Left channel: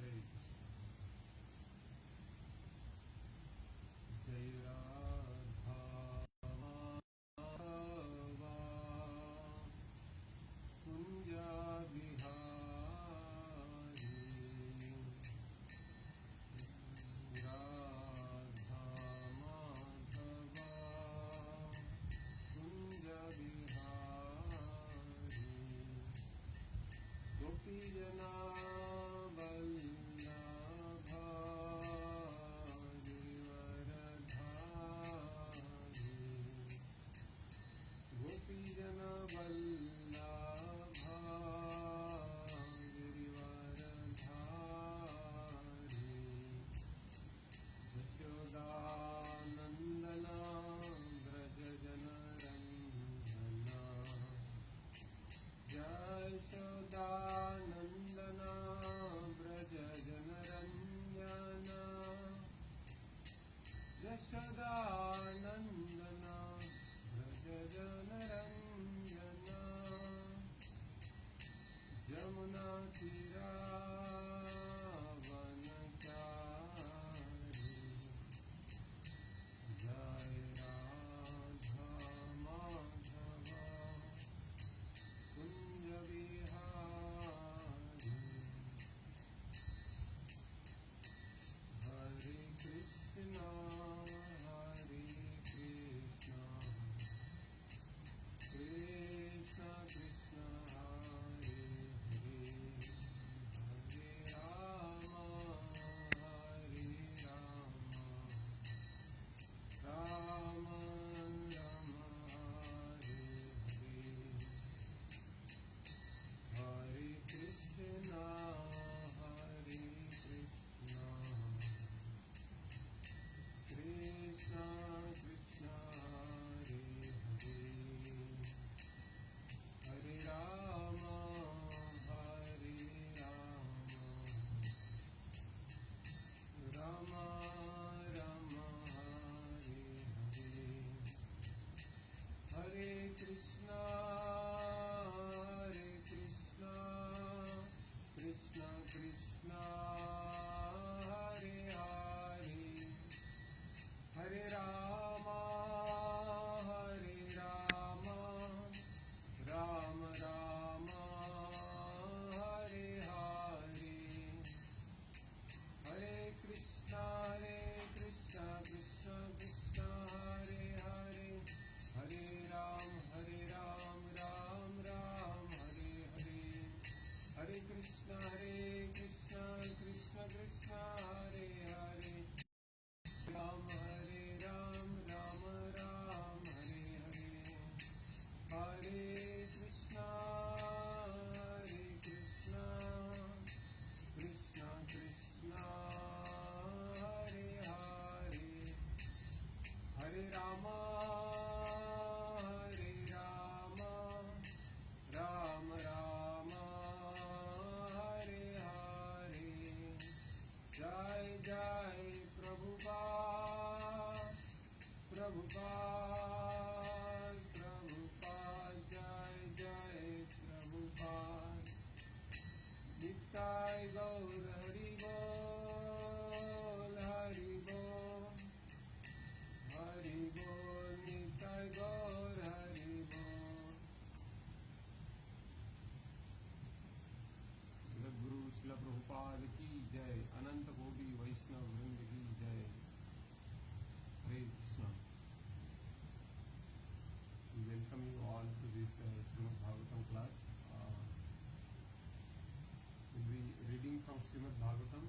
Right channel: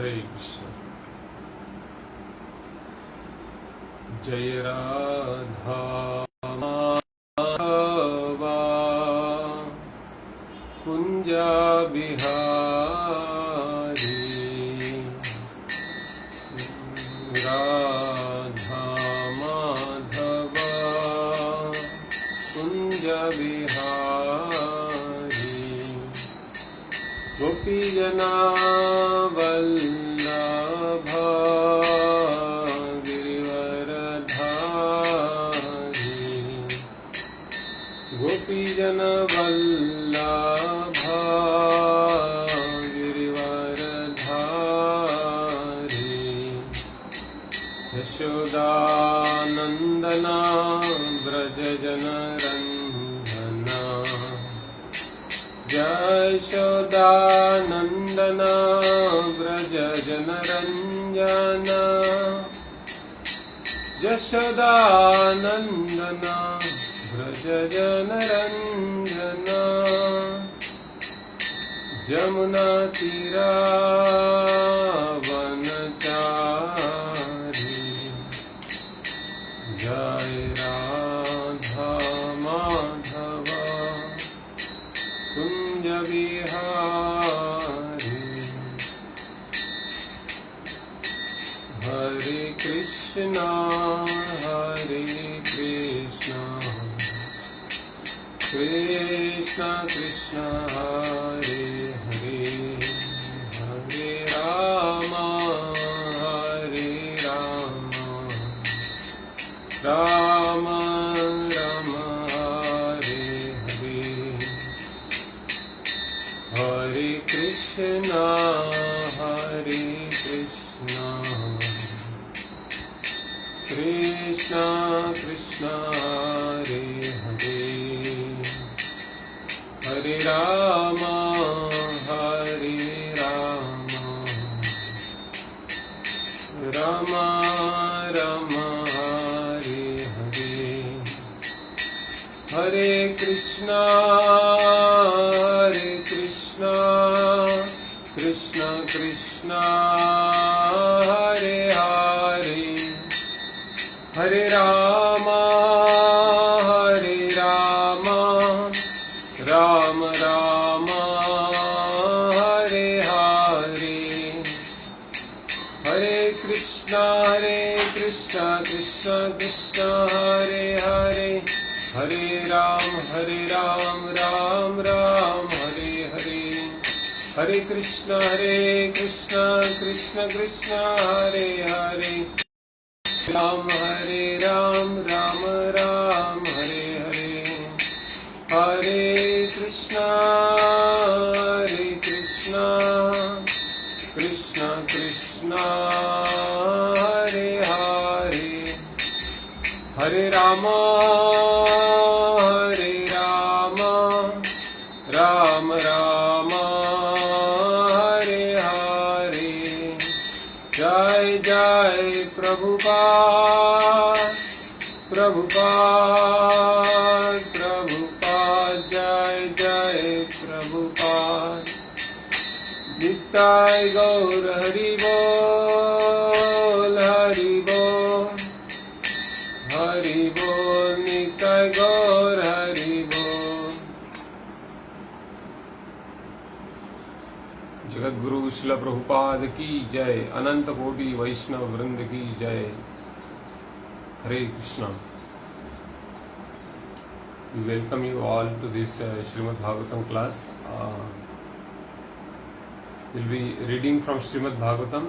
हरे कृष्ण। जय राधा माधवा कुंजा बिहारी, राधा माधवा कुंजा बिहारी, गोपी जना वल्लभा गोपी जन वल्लभा गिरिवरधारी, यशोदानंदना व्रज जन रंजना, यशोदानंदना व्रज जन रंजना, यशोदानंदना व्रज जन रंजना, जमुना तीरा वनचारी, जय राधा माधवा कुंज बिहारी। हरे कृष्णा हरे कृष्णा कृष्ण कृष्ण हरे हरे, हरे राम राम राम हरे हरे, हरे कृष्ण कृष्ण कृष्ण हरे हरे, हरे राम राम राम हरे हरे, हरे कृष्ण कृष्ण कृष्ण हरे हरे, हरे राम राम राम हरे हरे, हरे कृष्ण कृष्ण कृष्ण हरे हरे, हरे राम राम राम हरे हरे, हरे कृष्ण कृष्ण कृष्ण हरे हरे, राम राम राम हरे हरे, हरे कृष्ण कृष्ण कृष्ण हरे हरे, हरे राम राम राम हरे हरे, जय जय प्रभुपाद जय जय प्रभुपाद, निताय गौर हरि बोल निताय गौर हरि बोल। जगत गुरु श्रील प्रभुपाद की जय, अनंत कोटि वैष्णव वृंद की जय। हरे Krishna. We welcome you all to this Srimad Bhagavatam class. We'll be reading from Srimad Bhagavatam,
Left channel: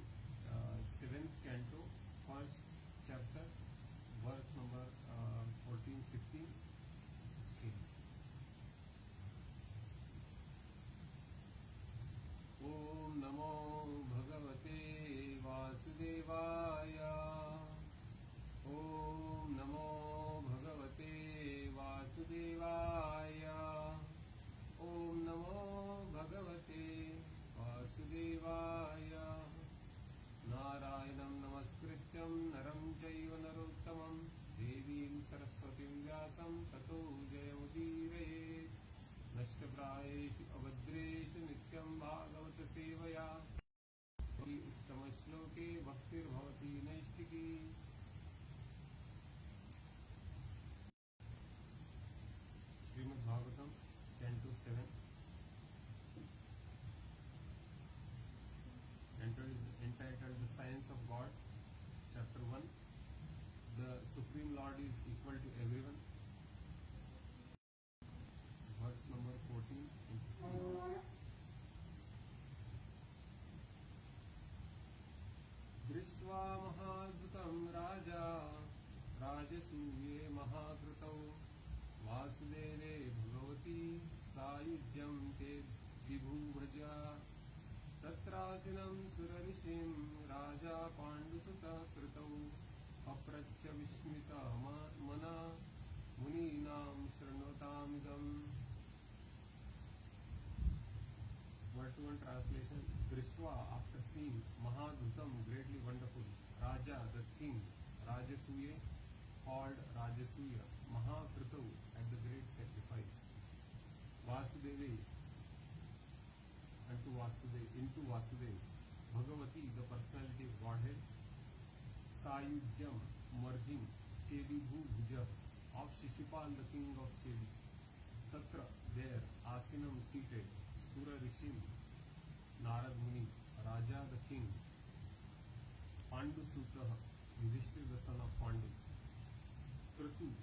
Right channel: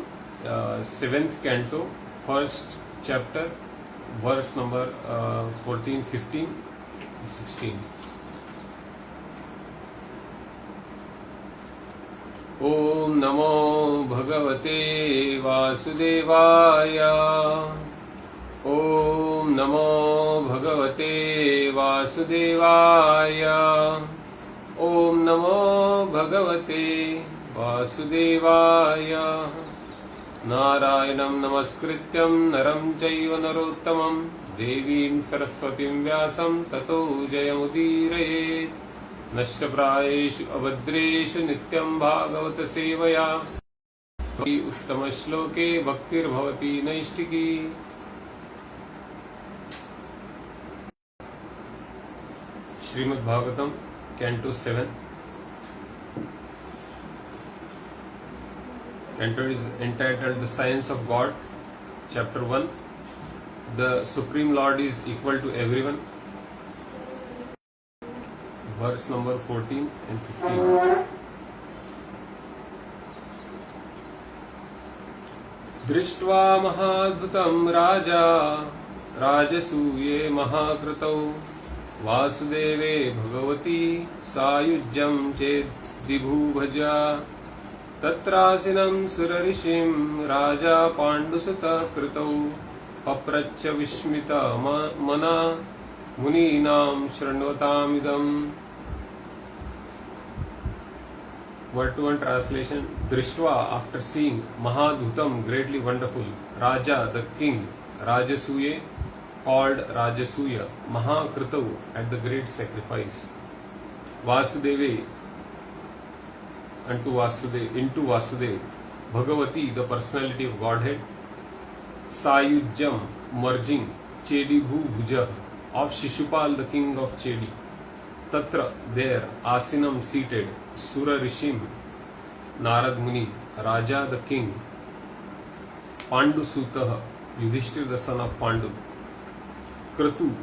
7th canto, 1st chapter, verse number 14, 15, 16. Om Namo Bhagavate Vasudevaya. Om Namo Bhagavate Vasudevaya. Om Namo Bhagavate Vasudevaya. Narayanam Namaskrityam Naram Chaiva Narottamam Devim Saraswatim Vyasam Tato Jayamudirayet. नष्टप्रायेषु अभद्रेषु नित्यं भागवत सेवया उत्तम श्लोके भक्तिर्भवति नैष्टिकी। Srimad Bhagavatam canto 7 canto is entitled The Science of God, chapter 1. The Supreme Lord is equal to everyone, verse number 14 and 15. दृष्ट्वा महाद्भुतं राजा राजसूये महाकृतौ वासुदेवे भगवती सायुज्यं चेद्विभुभजा तत्रासीनं सुरऋषिं राजा पाण्डुसुतः कृतौ पप्रच्छ विस्मिता मना मुनीनां शृण्वतामिदम्. Word to one translation. Drishtva, after seeing, Mahadhutam, greatly wonderful, Raja, the king, Rajasuye, called Rajasuya, Mahakritav, at the great sacrifice, Vasudeve, into Vasudev, Bhagavati, the personality of Godhead, Sayujyam, merging, Chedi Bhuja, of Shishupal, the king of Chedi, Tatra, there, Asinam, seated, Sura Rishim, Narad Muni, Raja, the king, Pandu Sutaha, Yudhishthir, the son of Pandu, Kratu,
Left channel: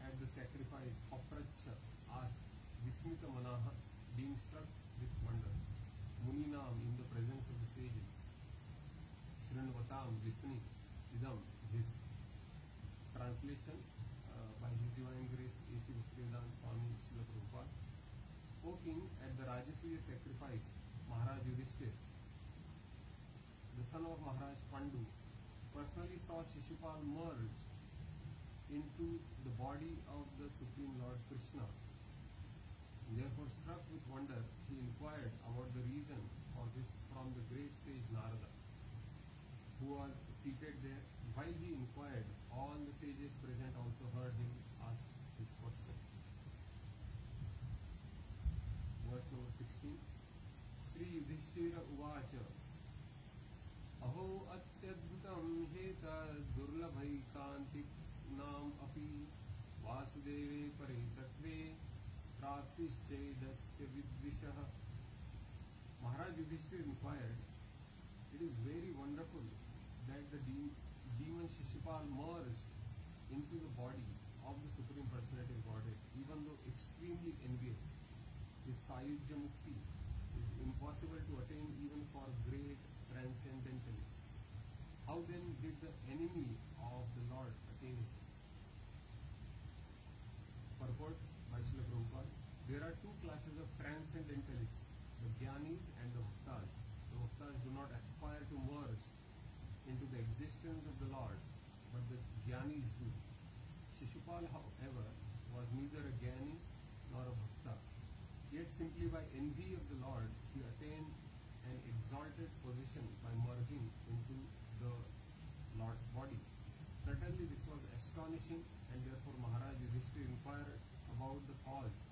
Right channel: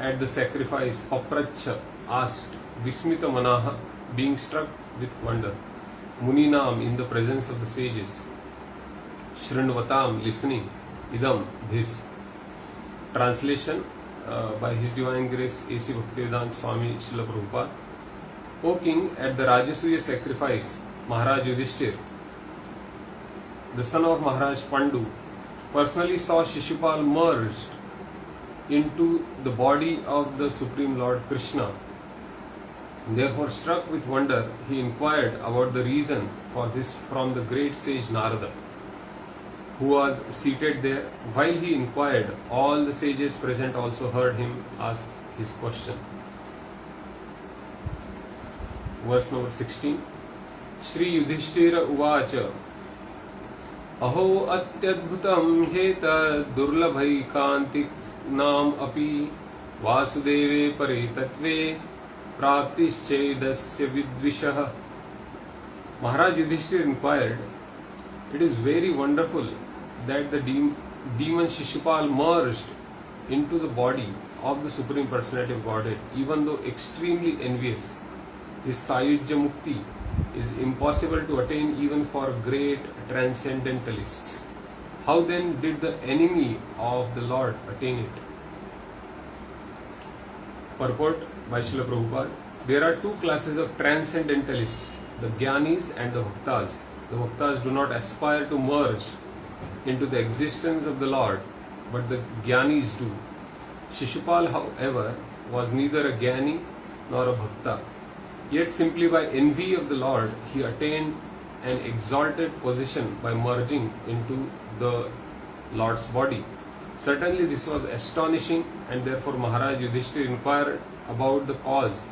at the sacrifice, Papracha, asked, Vismita Manaha, being struck with wonder, Muninam, in the presence of the sages, Shrinvatam, listening, Idam, this. Translation by His Divine Grace A.C. Bhaktivedanta Swami Srila Prabhupada. O king, at the Rajasuya sacrifice, Maharaj Yudhishthir, the son of Maharaj Pandu, personally saw Shishupal merged into the body of the Supreme Lord Krishna. Therefore, struck with wonder, he inquired about the reason for this from the great sage Narada, who was seated there. While he inquired, all the sages present also heard him ask his question. Verse number 16. Shri Yudhishthira Uvacha Aho Atyadbhutam Heta Durlabhai Kantik Nam Api Vasudeve Paritatve Praptischedasya Vidvishah. Maharaj Yudhishthira inquired, it is very wonderful that the demon Shishupal merged into the body of the Supreme Personality of Godhead, even though extremely envious. This Sayujya Mukti is impossible to attain even for great transcendentalists. How then did the enemy of the Lord attain it? Purport by Srila Prabhupada. There are two classes of transcendentalists, the Jnanis and the Bhaktas. The Bhaktas do not aspire to merge into the existence of the Lord, but the Jnanis do. Shishupal, however, was neither a Jnani nor a Bhakta. Yet simply by envy of the Lord, he attained an exalted position by merging into the Lord's body. Certainly this was astonishing, and therefore Maharaj Yudhishthira inquired about the cause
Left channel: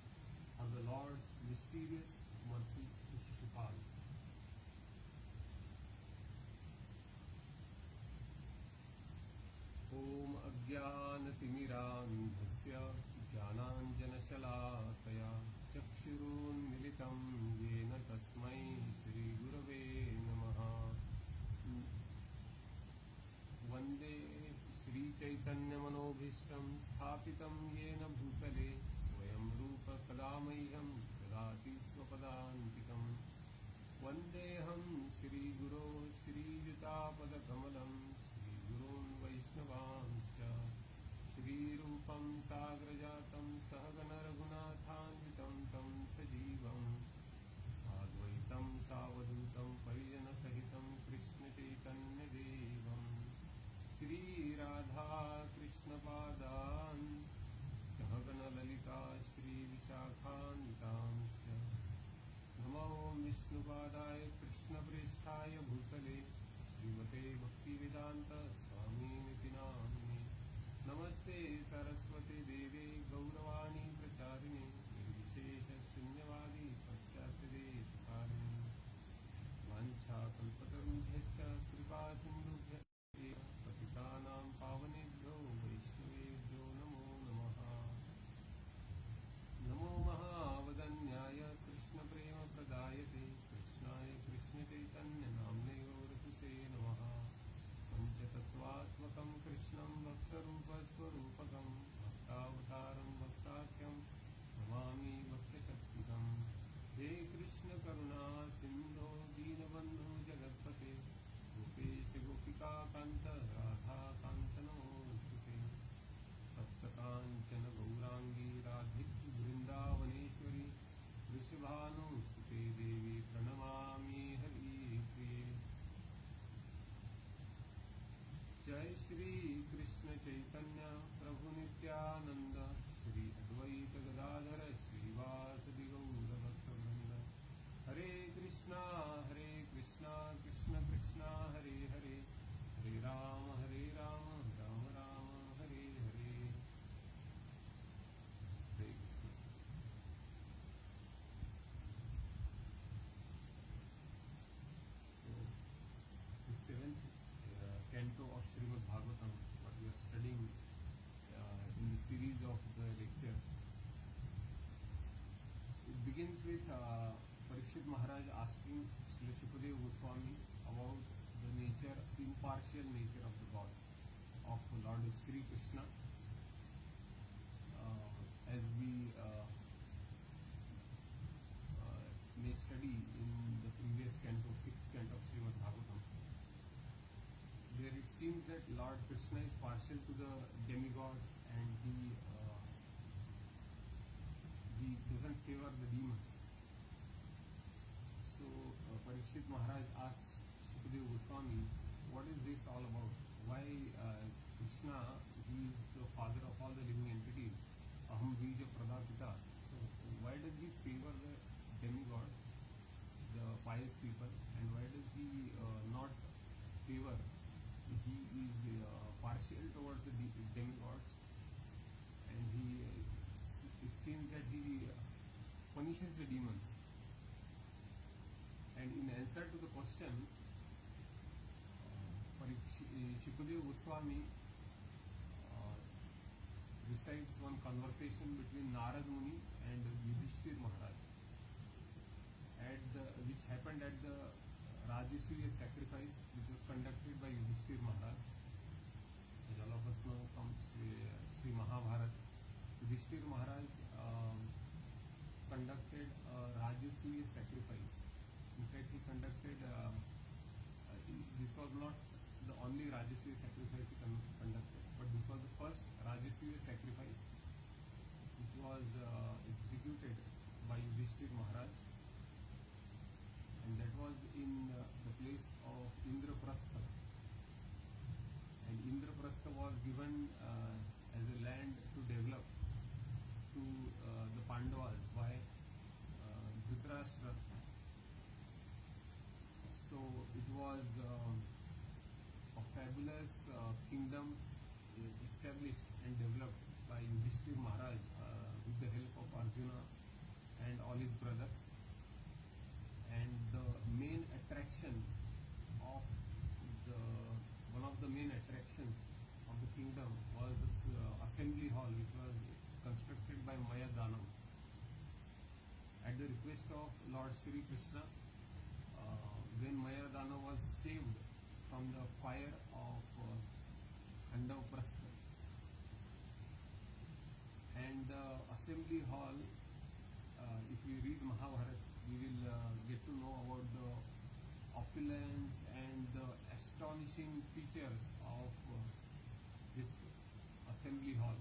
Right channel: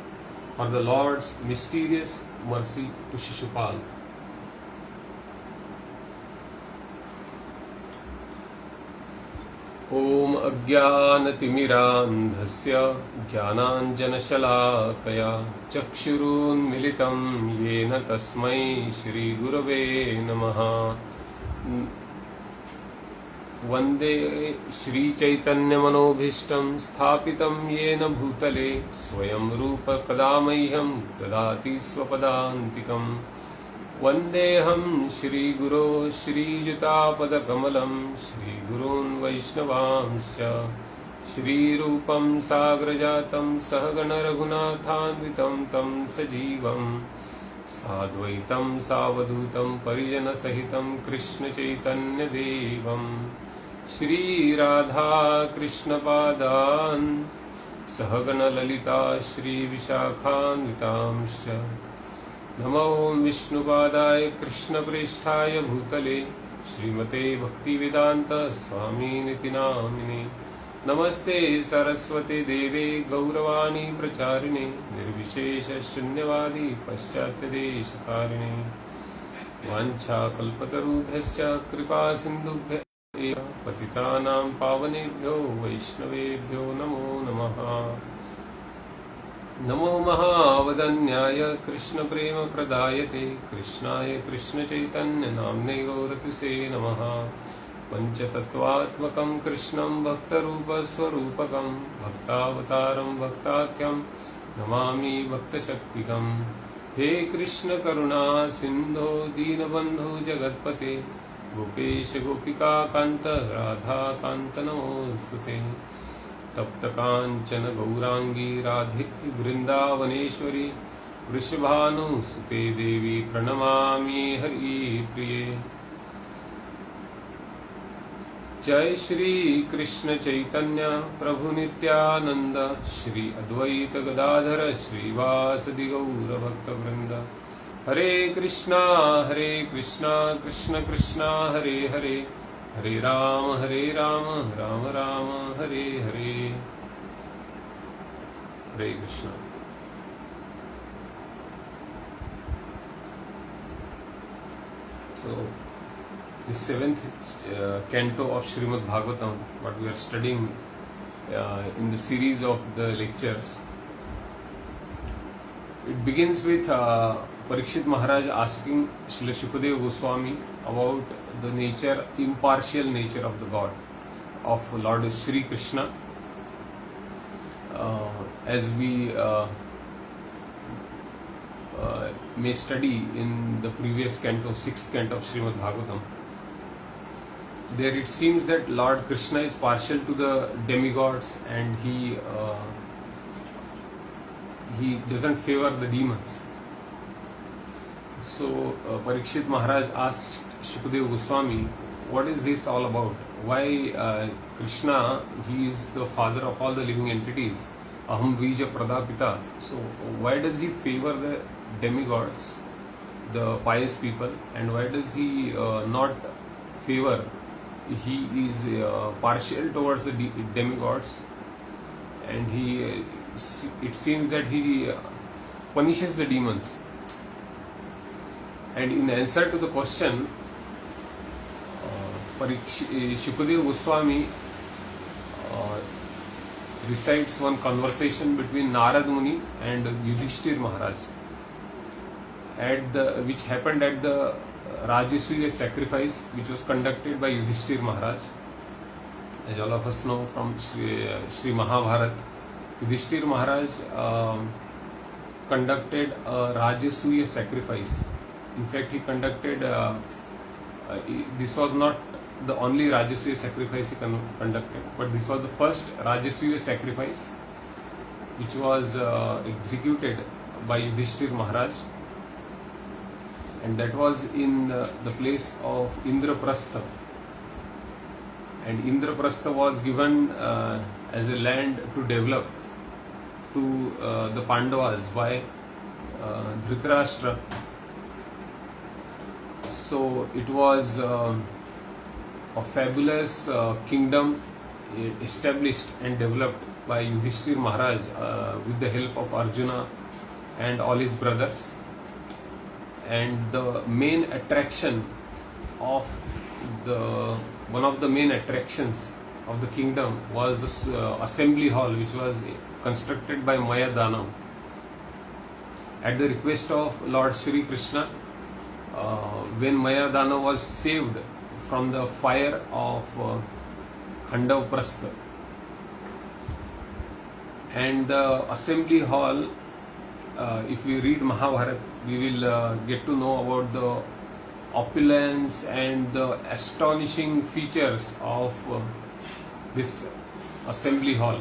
for the Lord's mysterious mercy to Shishupal. Om Ajnanatimirandhasya Jnananjanashalakaya Chakshurunmilitam Yena Tasmai Shri Gurave Namaha. Vande Shri Chaitanya Manobhishtam Sthapitam Yena Bhutale Swayam Rupa Kadamahyam Dadati Swapadantikam. Vandeham Shri Guru Shri Jutapada Kamalam Shri Gurun Vaishnavamscha Shri Rupam Sagrajatam Sahagana Raghunathanvitam Tam Sajivam Sadvaitam Savadhutam Parijana Sahitam Krishna Chaitanya Devam Shri Radha Krishna Padan Sahagana Lalita Shri Vishakhanvitamscha. Namo Vishnupadaya Krishna Prishthaya Bhutale Srimate Bhaktivedanta Swami Niti Namine. Namaste Saraswate Deve Gauravani Pracharine Nirvishesha Shunyavadi Paschatya Deshakarine. वाञ्छाकल्पतरुभ्यश्च कृपा सिन्धुभ्य एव पतितानां पावनेभ्यो वैष्णवेभ्यो नमो नमः। नमो महावदन्याय कृष्णप्रेमप्रदायते कृष्णाय कृष्णचैतन्यनाम्ने गौरतिसे नमः। पञ्चतत्त्वात्मकं कृष्णं भक्तरूपस्वरूपकं भक्तावतारं भक्ताख्यं नमामि भक्तशक्तिकम्। हे कृष्ण करुणा सिन्धो दीनबन्धु जगत्पते गोपेश गोपिकान्त राधाकान्त नमोऽस्तुते। तप्तकाञ्चन गौरांगी राधे वृन्दावनेश्वरी वृषभानुसुते देवी प्रणमामि हरिप्रिये। जय श्री कृष्ण चैतन्य प्रभु नित्यानंद श्री अद्वैत गदाधर श्रीवासदि गौर भक्तवृंद। हरे कृष्णा कृष्ण कृष्णा हरे हरे हरे राम राम राम हरे हरे। हरे Krishna. So the seventh canto of Srimad Bhagavatam, what we are studying in the series of the lectures, it begins with Parikshit Maharaj asking Srila Shukadeva Goswami about the nature, impartial nature of the God, of Lord Shri Krishna. As we may study in the previous canto, sixth canto of Srimad Bhagavatam, there it seems that Lord Krishna is partial to the demigods and he doesn't favor the demons. So Parikshit Maharaj asked Shukadeva Goswami, what is this all about? Why Krishna, he is the father of all the living entities, Aham Bija Pradapita. So why does he favor the demigods, the pious people, and why does he not favor? He is partial towards the demigods, and it seems that he punishes the demons. And in answer to the question, Shukadeva Goswami recites one conversation between Narad Muni and Yudhishthir Maharaj, which happened at the Rajasuya sacrifice, which was conducted by Yudhishthir Maharaj. As all of us know from Sri Mahabharat, Yudhishthir Maharaj conducted a Rajasuya sacrifice. In fact, he conducted, this was not the only Rajasuya sacrifice he conducted, but this was the first Rajasuya sacrifice which was executed by Yudhishthir Maharaj, and that was in the place of Indraprastha. And Indraprastha was given as a land to develop to the Pandavas by Dhritarashtra. So it was a fabulous kingdom established and developed by Yudhishthir Maharaj with the help of Arjuna and all his brothers. And the main attraction of one of the main attractions of the kingdom was this assembly hall, which was constructed by Maya Danam at the request of Lord Shri Krishna. When Maya Dana was saved from the fire of Khandavaprastha, and the assembly hall, if we read Mahabharata, we will get to know about the opulence and the astonishing features of this assembly hall.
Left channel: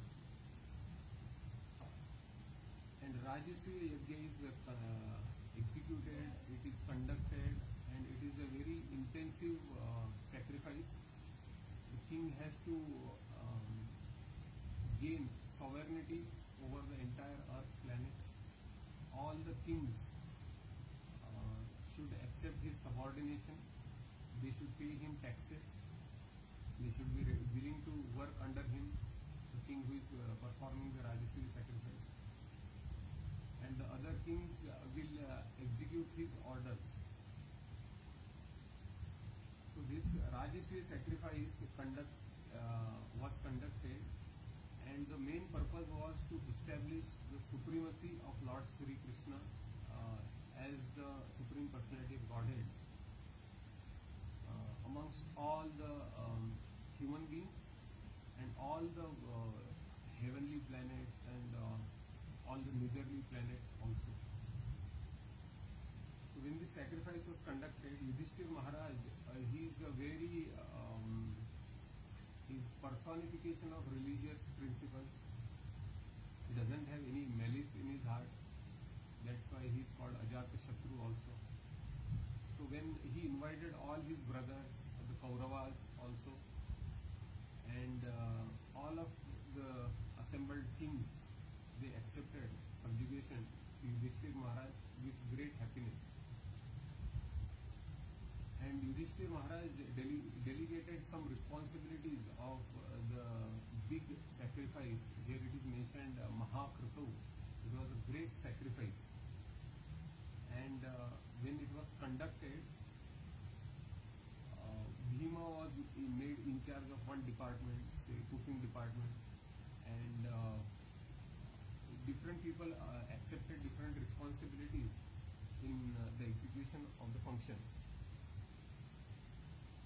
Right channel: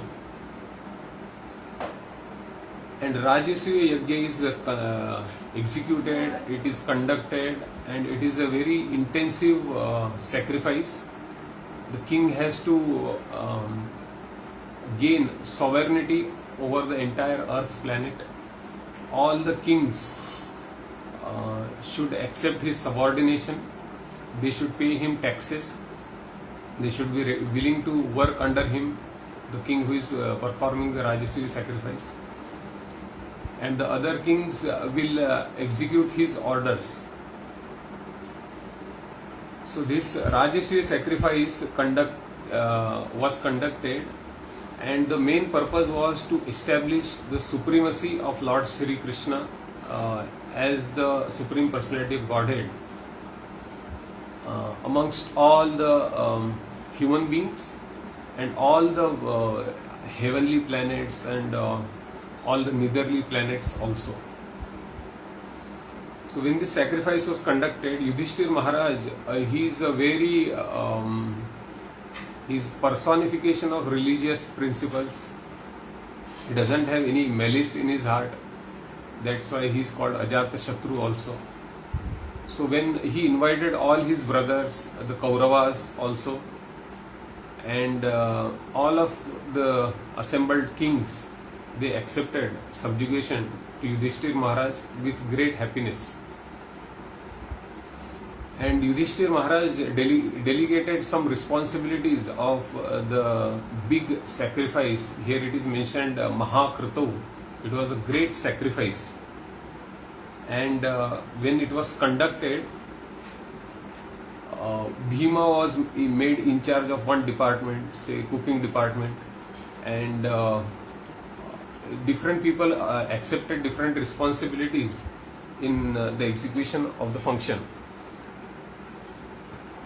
And Rajasuya Yajna is executed, it is conducted, and it is a very intensive sacrifice. The king has to gain sovereignty over the entire earth planet. All the kings should accept his subordination, they should pay him taxes, they should be willing to work under him, the king who is performing the Rajasuya sacrifice. And the other kings will execute his orders. So this Rajasuya sacrifice was conducted, and the main purpose was to establish the supremacy of Lord Shri Krishna as the Supreme Personality of Godhead amongst all the human beings and all the heavenly planets and all the netherly planets also. So when this sacrifice was conducted, Yudhishthir Maharaj, he is a very his personification of religious principles. He doesn't have any malice in his heart. That's why he is called Ajata Shatru also. So when he invited all his brothers, the Kauravas also, and all of the assembled kings, they accepted subjugation to Yudhishthir Maharaj with great happiness. And Yudhishthir Maharaj delegated some responsibilities of the big sacrifice. Here it is mentioned Mahakrito. It was a great sacrifice. And when it was conducted, Bhima was made in charge of one department, say cooking department, and different people accepted different responsibilities in the execution of the function.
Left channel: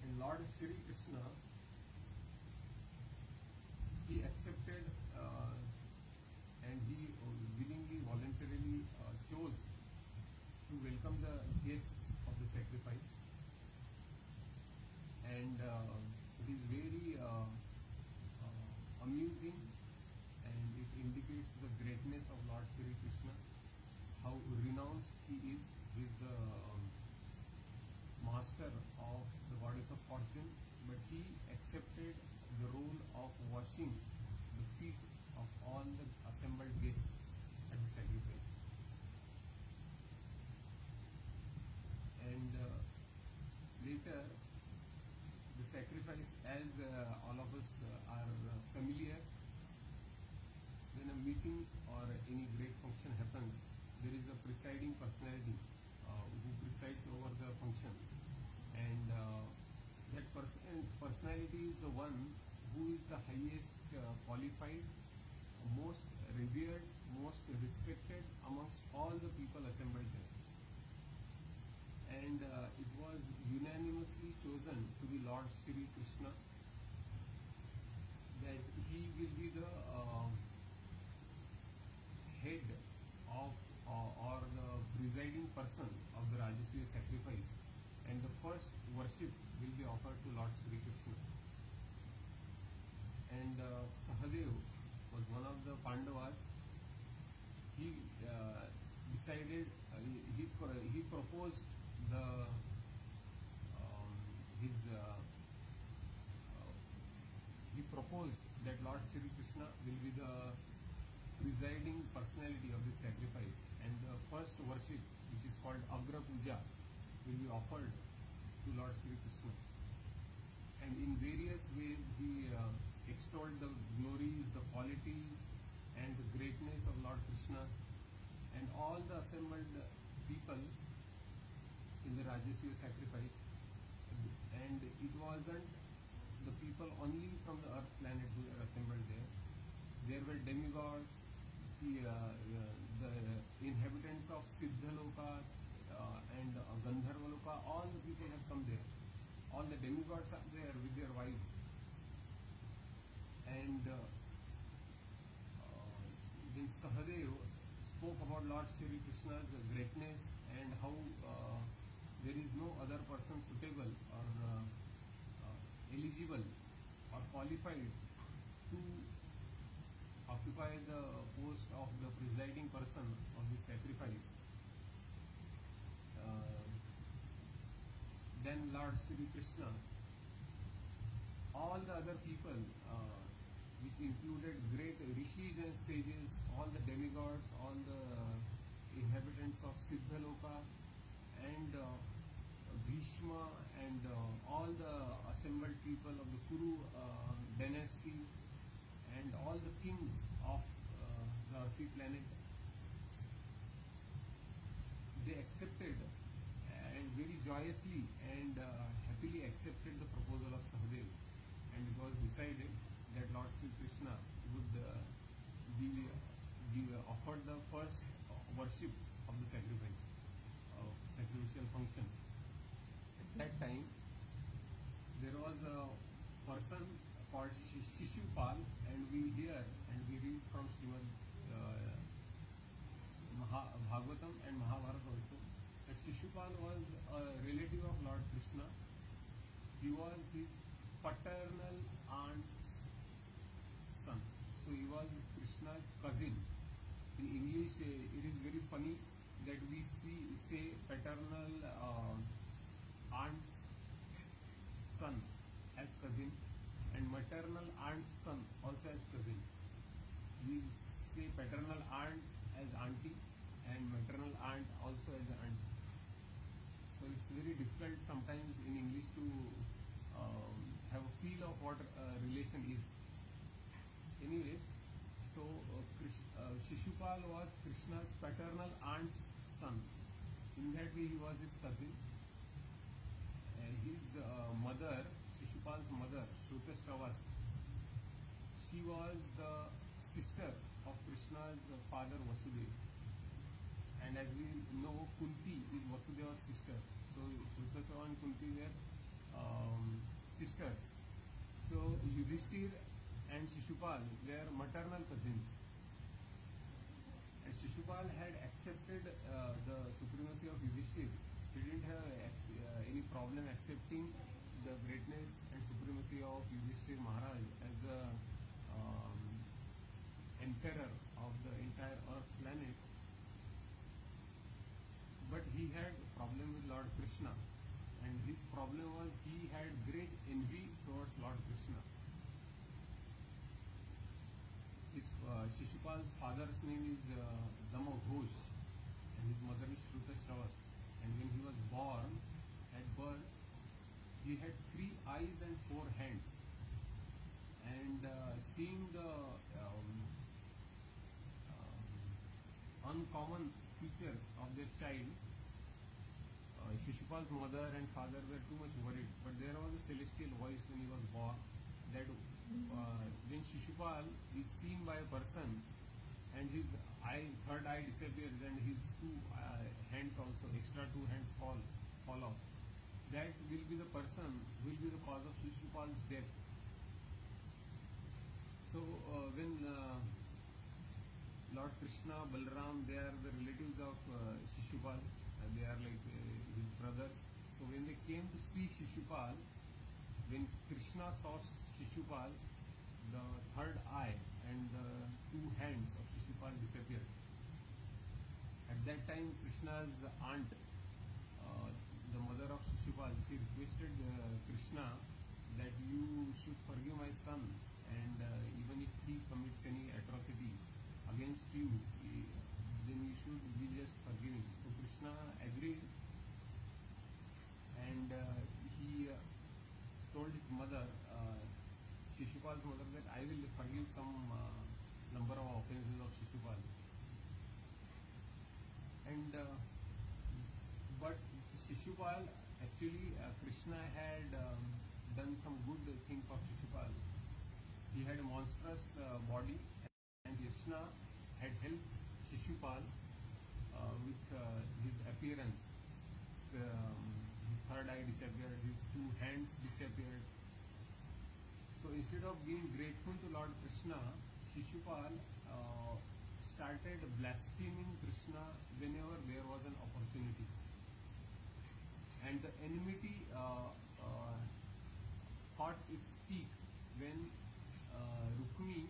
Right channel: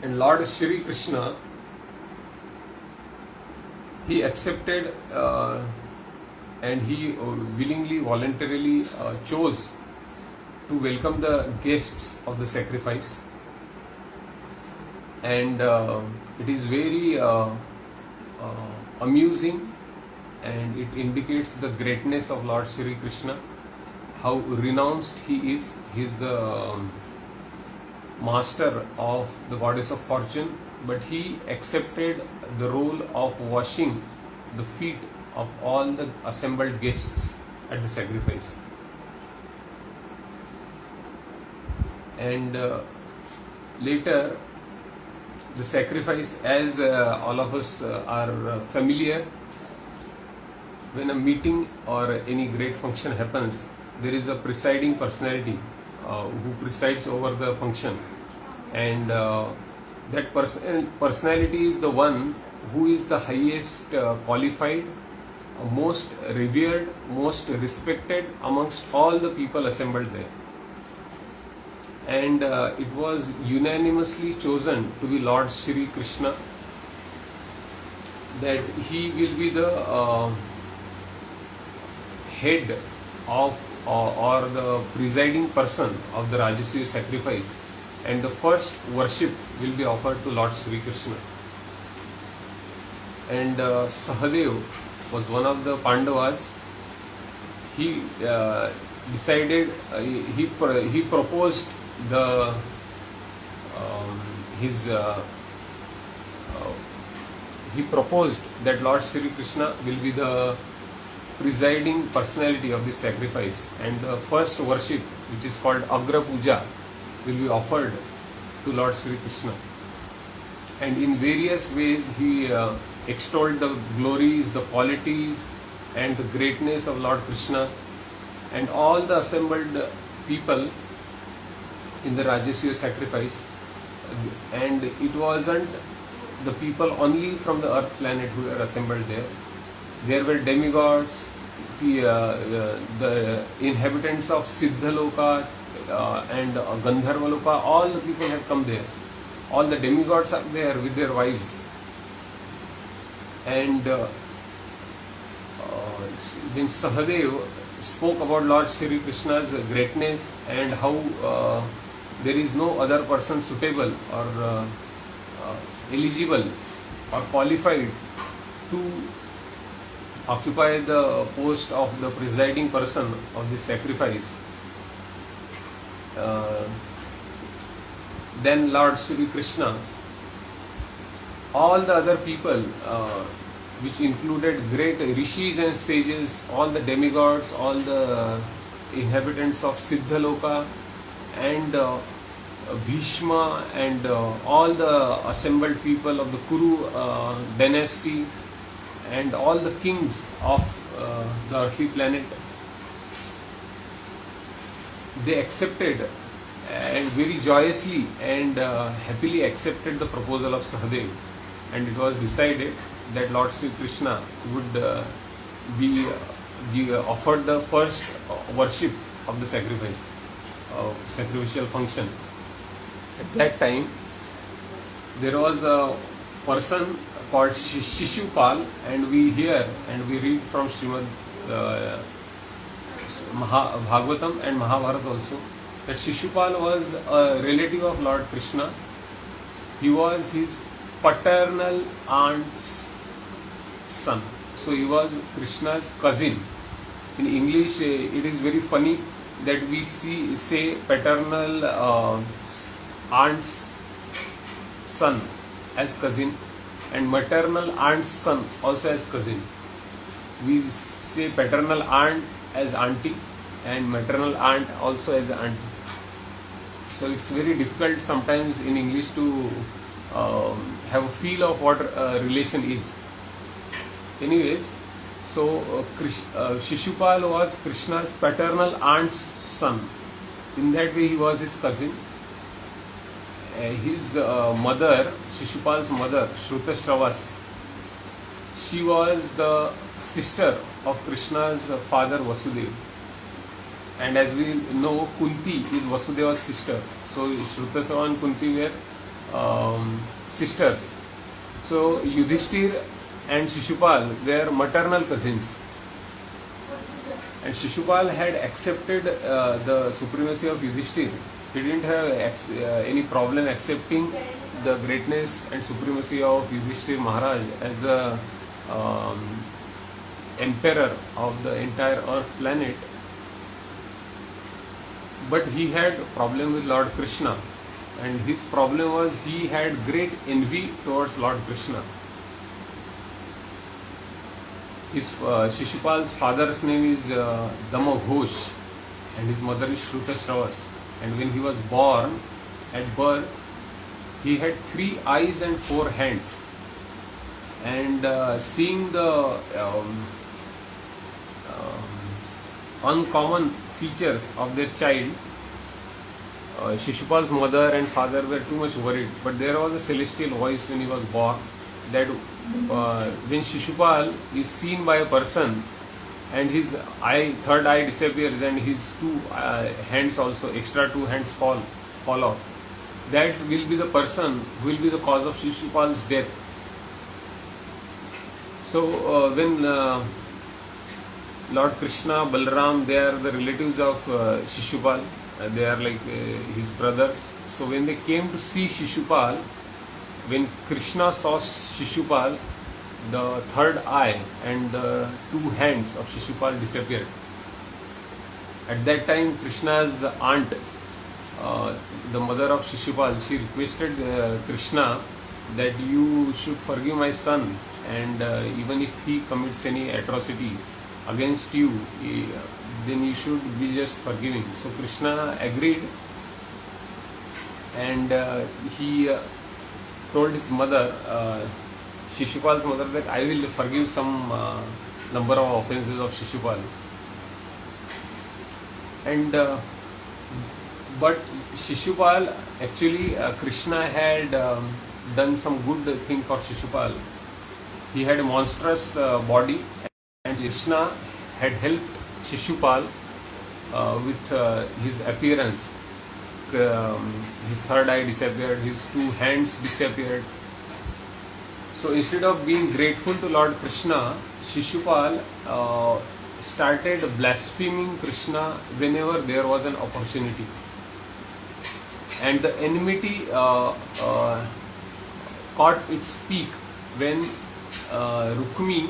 And Lord Shri Krishna, he accepted and he willingly, voluntarily chose to welcome the guests of the sacrifice. And it is very amusing, and it indicates the greatness of Lord Shri Krishna, how renounced he is. He is the master of the goddess of fortune, but he accepted the role of washing the feet of all the assembled guests at the sacrifice. And later, the sacrifice, as all of us are familiar, when a meeting or any great function happens, there is a presiding personality who presides over the function, and that personality is the one who is the highest qualified, most revered, most respected amongst all the people assembled there. And it was unanimously chosen to be Lord Shri Krishna, that he will be the head of or the presiding person of the Rajasuya sacrifice, and the first worship will be offered to Lord Shri Krishna. And Sahadev was one of the Pandavas. He decided, he proposed the he proposed that Lord Shri Krishna will be the presiding personality of this sacrifice, and the first worship, which is called Agra Puja, will be offered to Lord Shri Krishna. And in various ways he extolled the glories, the qualities and the greatness of Lord Krishna, and all the assembled people in the Rajasuya sacrifice. And it wasn't the people only from the earth planet who were assembled there. There were demigods, the inhabitants of Siddhaloka and Gandharvaloka, all the people have come there. All the demigods are there with their wives. And when Sahadev spoke about Lord Shri Krishna's greatness and how there is no other person suitable or eligible or qualified to occupy the post of the presiding person of this sacrifice, then Lord Shri Krishna, all the other people, which included great rishis and sages, all the demigods, all the inhabitants of Siddhaloka, and Bhishma, and all the assembled people of the Kuru dynasty, and all the kings of the earthly planet, they accepted and very joyously and happily accepted the proposal of Sahadev, and it was decided that Lord Sri Krishna would be offered the first worship of the sacrificial function. At that time, there was a person called Shishupal, and we hear and we read from Srimad Bhagavatam and Mahabharata also that Shishupal was a relative of Lord Krishna. He was his paternal aunt's son. So he was Krishna's cousin. In English, it is very funny that we say paternal aunt's son as cousin and maternal aunt's son also as cousin. We say paternal aunt as auntie and maternal aunt also as auntie. So it's very difficult sometimes in English to have a feel of what relation is. Anyways, so Shishupal was Krishna's paternal aunt's son. In that way, he was his cousin. His mother, Shishupal's mother, Shrutashravas, she was the sister of Krishna's father Vasudeva. And as we know, Kunti is Vasudeva's sister. So Shrutasava and Kunti were sisters. So Yudhishthir and Shishupal were maternal cousins. And Shishupal had accepted the supremacy of Yudhishthir. He didn't have any problem accepting the greatness and supremacy of Yudhishthir Maharaj as the emperor of the entire earth planet. But he had a problem with Lord Krishna, and his problem was he had great envy towards Lord Krishna. His Shishupal's father's name is Dama Ghosh, and his mother is Shrutashravas. And when he was born, at birth, he had 3 eyes and 4 hands. And seeing the uncommon features of their child, Shishupal's mother and father were too much worried. But there was a celestial voice when he was born that when Shishupal is seen by a person and his third eye disappears and his 2 hands also, extra 2 hands fall off, that will be the person who will be the cause of Shishupal's death. So when Lord Krishna, Balram, they are the relatives of Shishupal, they are like his brothers. So when they came to see Shishupal, when Krishna saw Shishupal, the third eye and the 2 hands of Shishupal disappeared. At that time, Krishna's aunt, the mother of Shishupal, she requested Krishna that you should forgive my son, and even if he commits any atrocity against you, then you should be just forgiving. So Krishna agreed, and he told his mother, Shishupal's mother, that I will forgive some number of offenses of Shishupal. And but Shishupal, actually Krishna had done some good thing for Shishupal. He had a monstrous body, and Krishna had helped Shishupal with his appearance. His third eye disappeared, his 2 hands disappeared. So instead of being grateful to Lord Krishna, Shishupal started blaspheming Krishna whenever there was an opportunity. And the enmity caught its peak when Rukmi,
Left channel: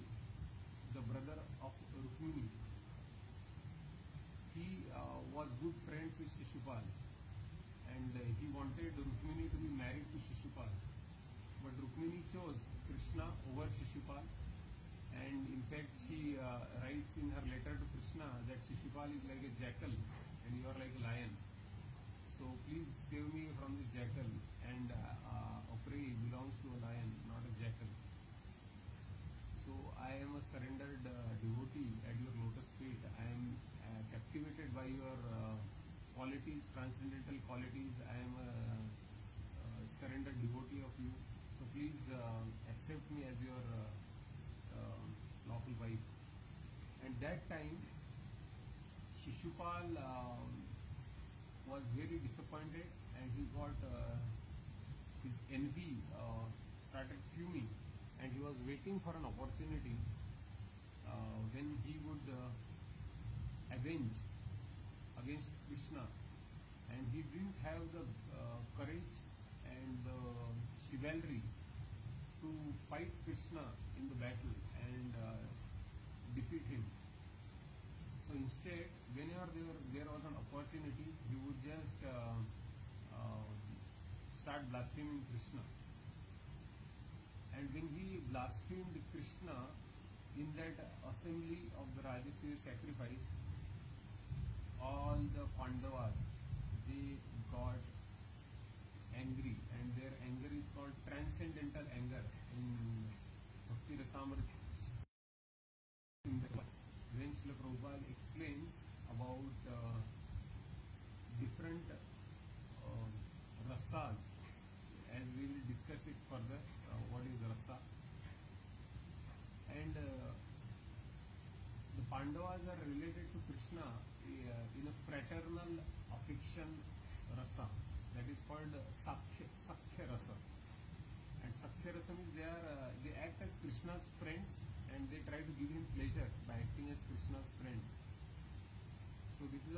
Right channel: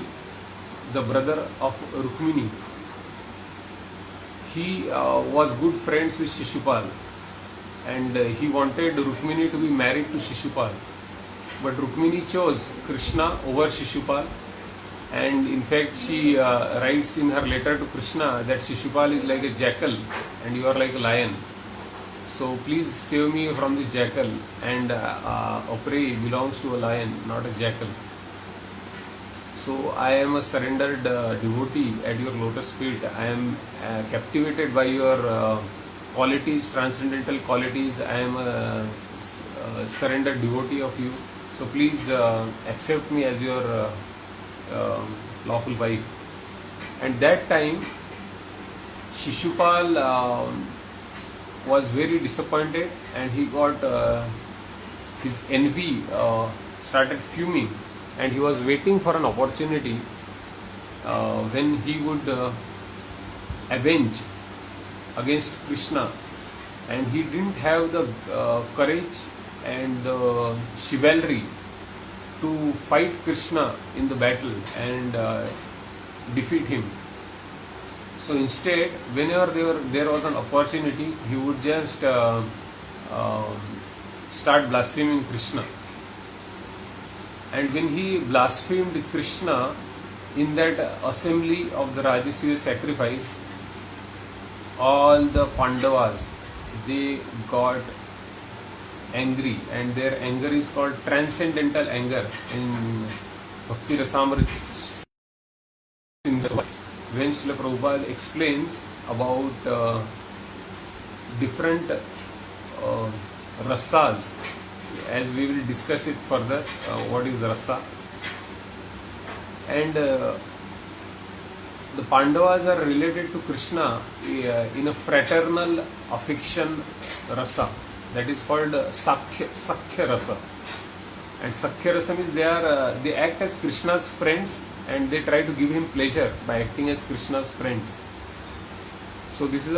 the brother of Rukmini, he was good friends with Shishupal, and he wanted Rukmini to be married to Shishupal. But Rukmini chose Krishna over Shishupal, and in fact she writes in her letter to Krishna that Shishupal is like a jackal and you are like a lion. So please save me from this jackal, and a prey belongs to a lion, not a jackal. So I am a surrendered devotee at your lotus feet. I am captivated by your qualities, transcendental qualities. I am a surrendered devotee of you. So please accept me as your lawful wife. And that time, Shishupal was very disappointed, and he got his envy started fuming, and he was waiting for an opportunity when he would avenge against Krishna, and he didn't have the courage and the chivalry to fight Krishna in the battle and defeat him. So instead, whenever there was an opportunity, he would just start blaspheming Krishna. And when he blasphemed Krishna in that assembly of the Rajasuya sacrifice, all the Pandavas, they got angry, and their anger is called transcendental anger in Bhakti Rasamrita Sindhu. When Srila Prabhupada explains about different rasas, as we will discuss it further, what is rasa, and the Pandavas are related to Krishna in a fraternal affection rasa, that is called Sakhya rasa. And Sakhya rasa means they act as Krishna's friends, and they try to give him pleasure by acting as Krishna's friends. So this is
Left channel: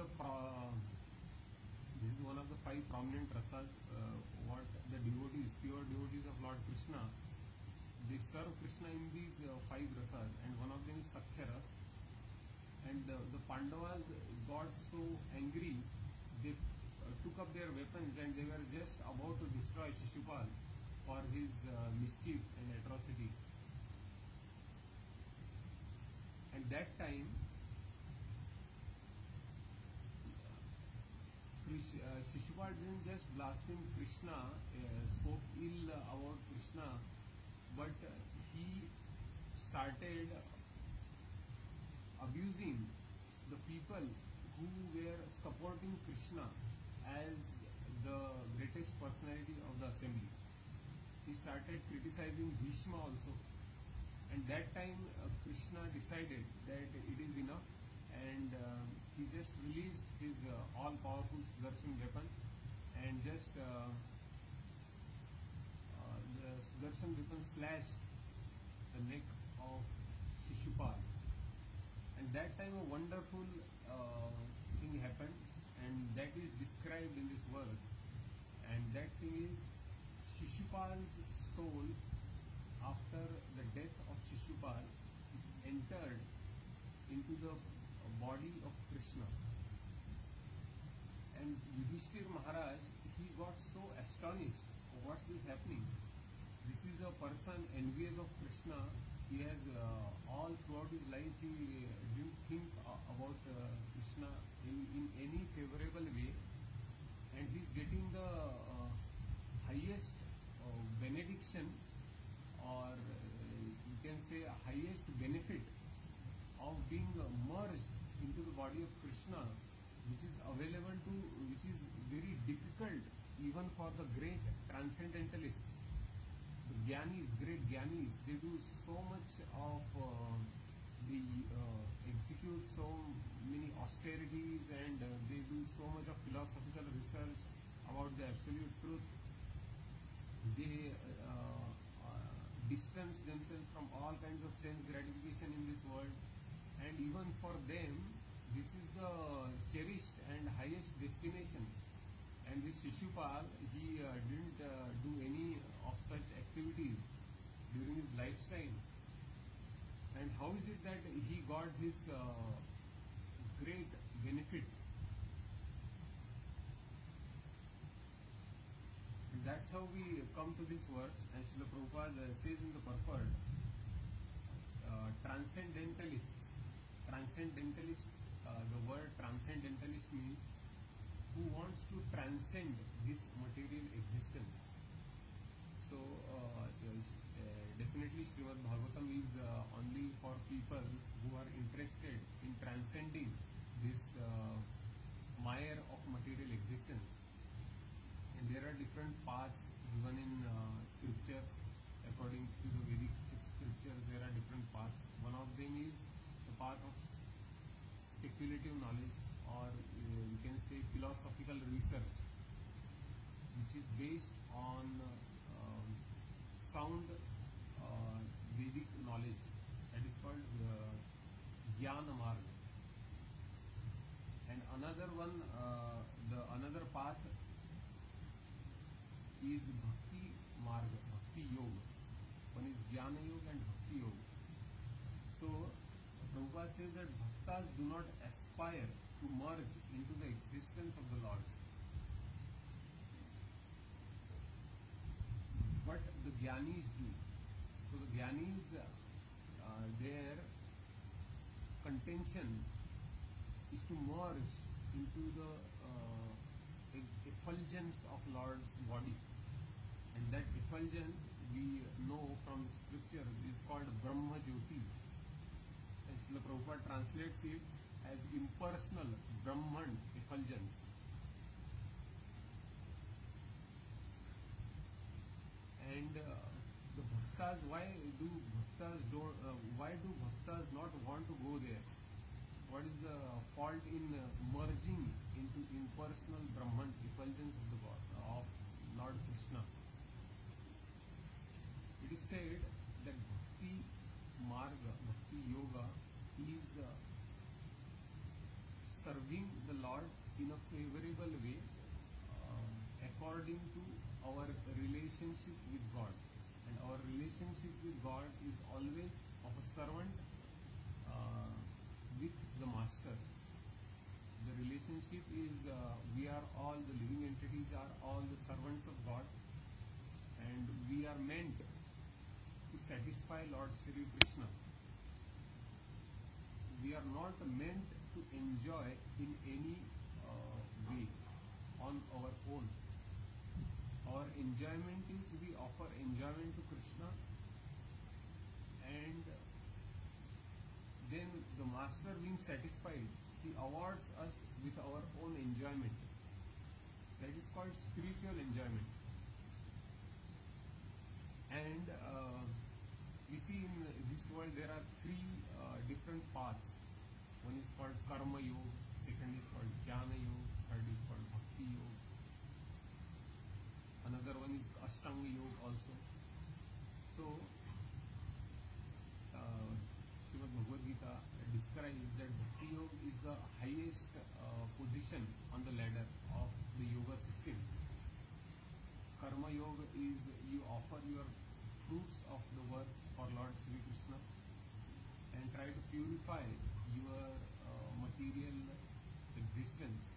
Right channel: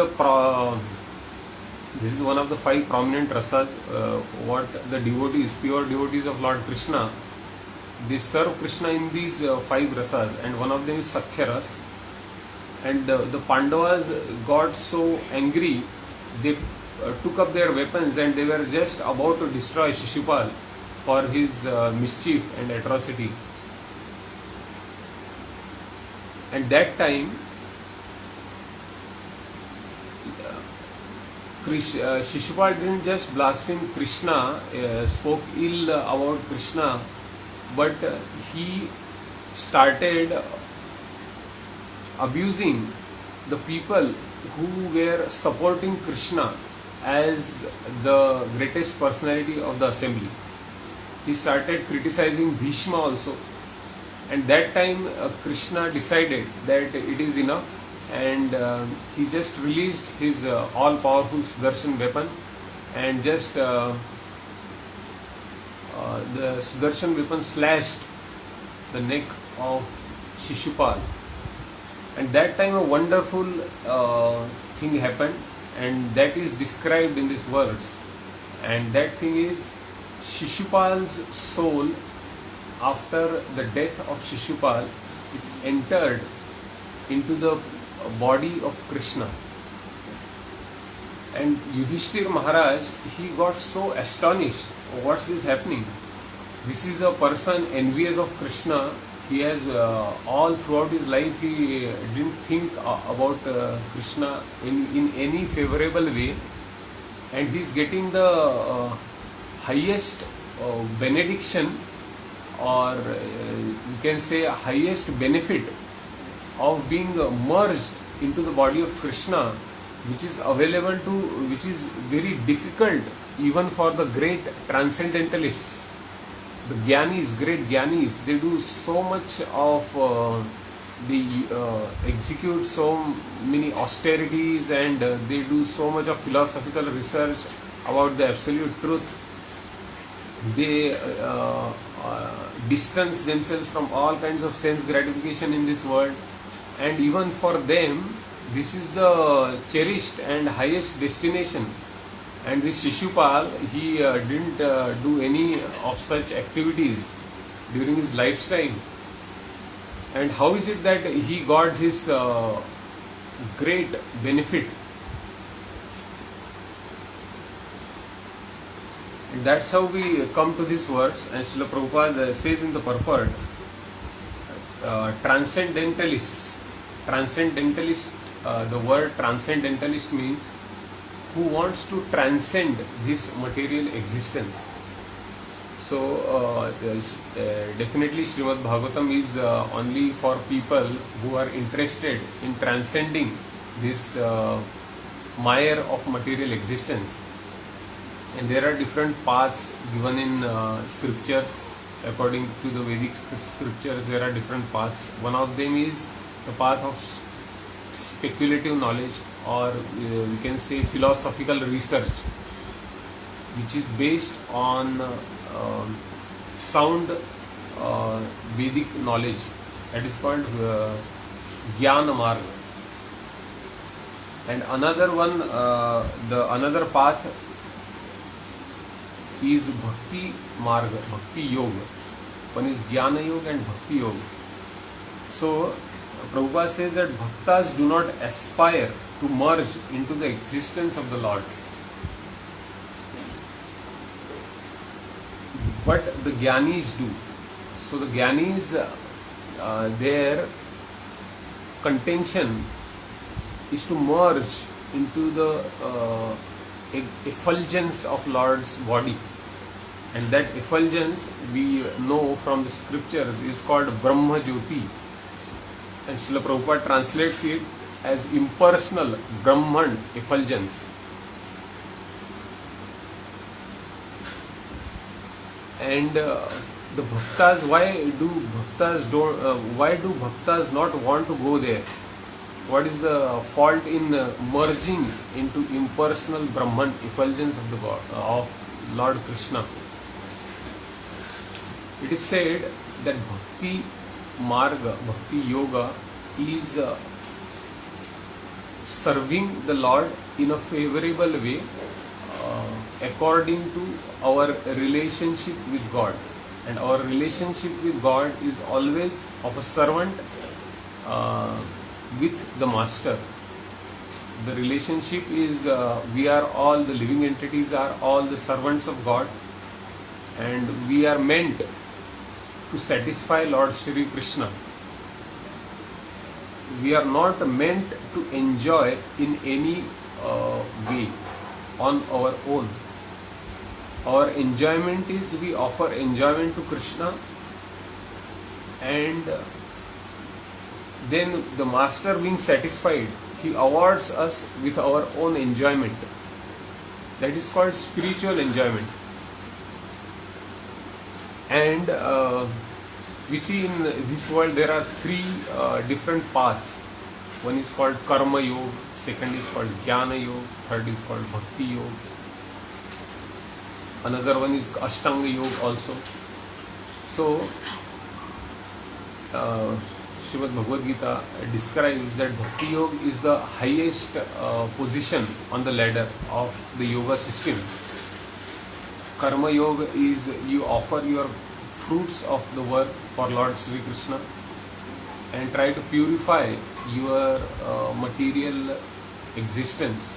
one of the 5 prominent rasas. What the devotees, pure devotees of Lord Krishna, they serve Krishna in these 5 rasas, and one of them is Sakhya ras. And the Pandavas got so angry, they took up their weapons, and they were just about to destroy Shishupal for his mischief and atrocity. And that time, Shishupal didn't just blaspheme Krishna, spoke ill about Krishna, but he started abusing the people who were supporting Krishna as the greatest personality of the assembly. He started criticizing Bhishma also. And that time Krishna decided that it is enough, and he just released his all-powerful Sudarshan weapon, and just the Sudarshan weapon slashed the neck of Shishupal. And that time a wonderful thing happened, and that is described in this verse. And that thing is, Shishupal's soul, after the death of Shishupal, it entered into the body of Krishna. And Yudhishthir Maharaj, he got so astonished. What's this happening? This is a person envious of Krishna. He has all throughout his life, he didn't think about Krishna in any favorable way, and he's getting the highest benediction, or you can say highest benefit of being merged into the body of Krishna, which is available to, which is very difficult even for the great transcendentalists. The Gyanis, great Gyanis, they do so much of, they execute so many austerities, and they do so much of philosophical research about the absolute truth. They distance themselves from all kinds of sense gratification in this world, and even for them, this is the cherished and highest destination. And this Shishupal, he didn't do any of such activities during his lifetime. And how is it that he got this great benefit? And that's how we come to this verse. And Srila Prabhupada says in the purport, transcendentalists. Transcendentalist, the word transcendentalist means who wants to transcend this material existence. So definitely Srimad Bhagavatam is only for people who are interested in transcending this mire of material existence. And there are different paths given in scriptures. According to the Vedic scriptures, there are different paths. One of them is the path of speculative knowledge, or we can say philosophical research, which is based on sound Vedic knowledge. That is called Jnana Marga. And another one, the another path is Bhakti Marga, Bhakti Yoga. One is Jnana Yoga and Bhakti Yoga. So Prabhupada says that bhaktas do not aspire to merge into the existence of the Lord, but the Jnanis do. So the Jnanis, their contention is to merge into the effulgence of Lord's body, and that effulgence we know from the scriptures is called Brahma Jyoti, and Srila Prabhupada translates it as impersonal Brahman effulgence. And the bhaktas, why do bhaktas not want to go there? What is the fault in merging into impersonal Brahman effulgence of the God, of Lord Krishna? It is said that Bhakti Marga, Bhakti Yoga is serving the Lord in a favorable way according to our relationship with God. And our relationship with God is always of a servant with the master. The relationship is we are all, the living entities are all the servants of God, and we are meant to satisfy Lord Shri Krishna. We are not meant to enjoy in any way on our own. Our enjoyment is, we offer enjoyment to Krishna, and then the master being satisfied, he awards us with our own enjoyment. That is called spiritual enjoyment. And we see in this world there are three different paths. One is called Karma Yoga, second is called Jnana Yoga, third is called Bhakti Yoga. Another one is Ashtanga Yoga also. So Srimad Bhagavad Gita describes that Bhakti Yoga is the highest position on the ladder of the yoga system. Karma Yoga is you offer your fruits of the work for Lord Shri Krishna and try to purify your material existence.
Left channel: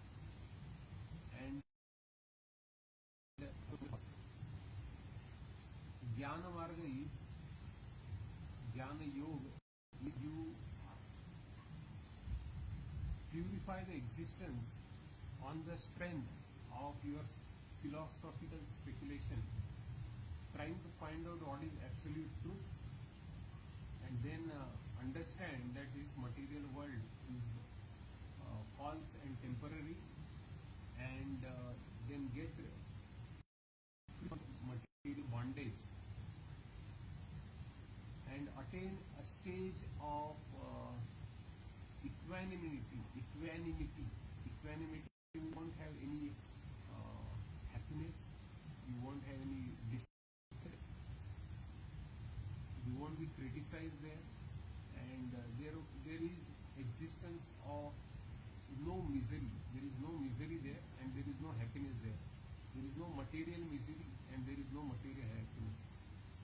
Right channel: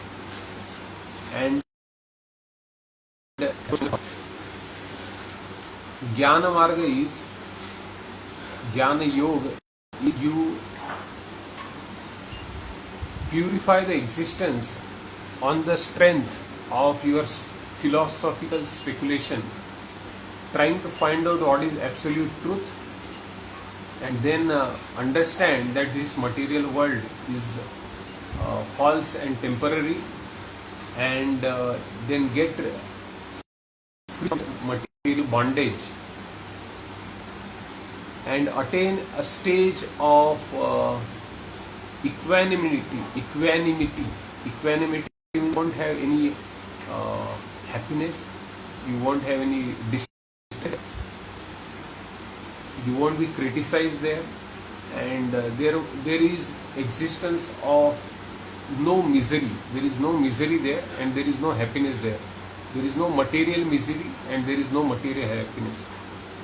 And Jnana Marga is, Jnana Yoga is you purify the existence on the strength of your philosophical speculation, trying to find out what is absolute truth, and then understand that this material world is false and temporary, and then get free from material bondage and attain a stage of equanimity. You won't have any happiness, you won't have any distress, you won't be criticized there, and there is existence of no misery. There is no misery there, and there is no happiness there. There is no material misery, and there is no material happiness.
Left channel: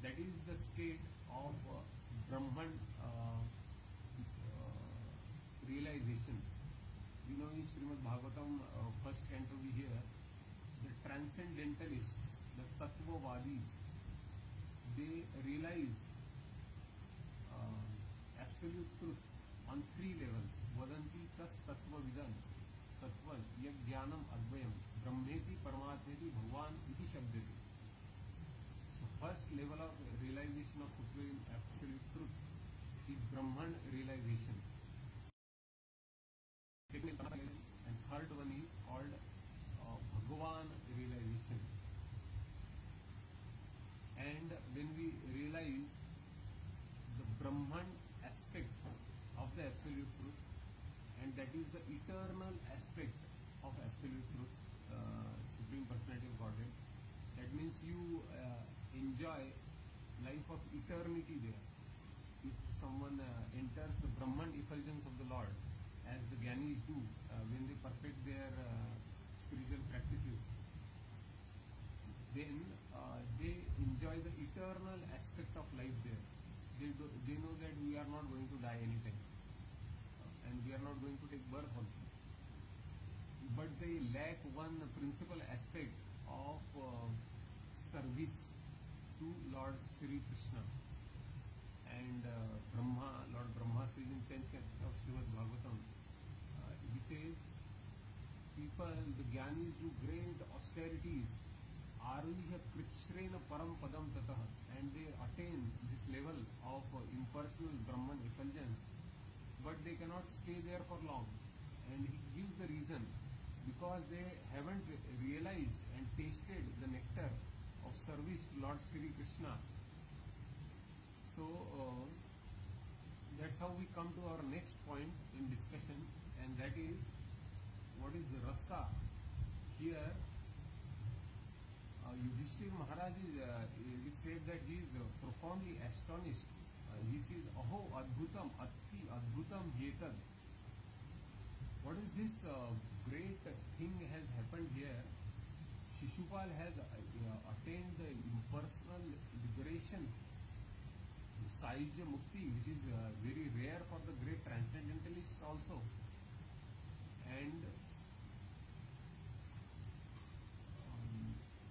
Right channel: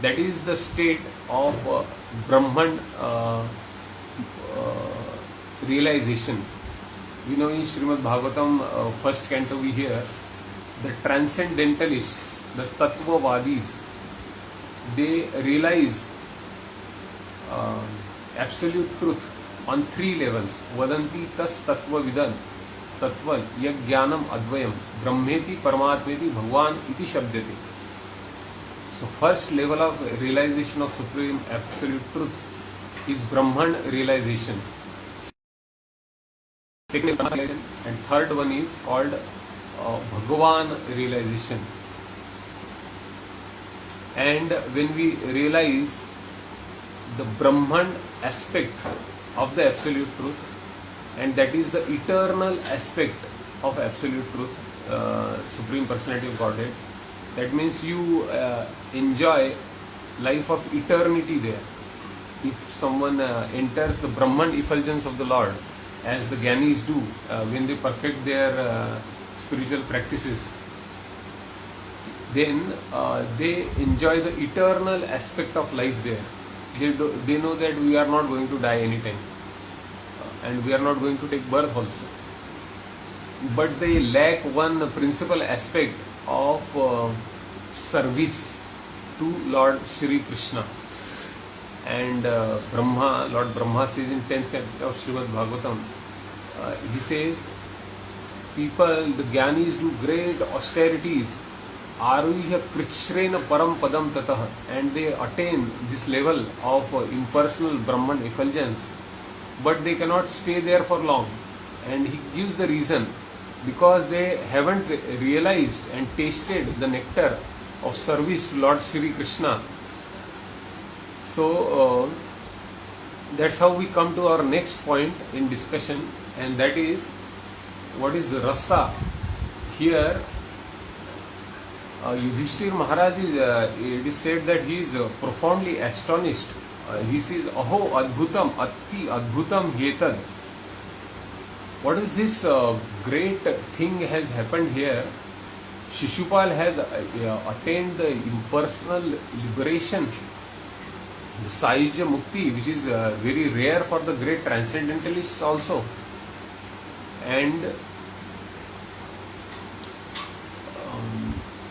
That is the state of Brahman realization. We know in Srimad Bhagavatam, first canto, we hear the transcendentalists, the Tattvavadis, they realize absolute truth on three levels. Vadanti tas tattva vidan tattva yajnanam advayam brahmeti paramatmeti bhagwan iti shabdete. So first level of realization of supreme absolute truth is Brahman realization. second is Brahma realization, and third one is called Bhagavan realization. And when we realize the Brahman aspect of the absolute truth, and that is the eternal aspect of absolute truth, Supreme Personality of Godhead, that means you enjoy life of eternity there. If someone enters the Brahman effulgence of the Lord, as the Gyanis do when they perfect their spiritual practices, then they enjoy the eternal aspect of life there. They know that we are not going to die anytime, and we are not going to take birth also. But they lack one principal aspect of service to Lord Shri Krishna. And Lord Brahma says in 10th chapter of Srimad Bhagavatam, he says, people, the Gyanis do great austerities, Aruhya Krichrena Param Padam Tatah, and they attain this level of impersonal Brahman effulgence, but they cannot stay there for long. And he gives the reason, because they haven't realized and tasted the nectar of service to Lord Shri Krishna. So that's how we come to our next point in discussion, and that is, what is rasa? Here Yudhishthir Maharaj it is said that he is profoundly astonished. He says, Aho Adbhutam Atti Adbhutam Yetad. What is this great thing has happened here? Shishupal has attained the impersonal liberation, the Sahyuja Mukti, which is very rare for the great transcendentalists also. And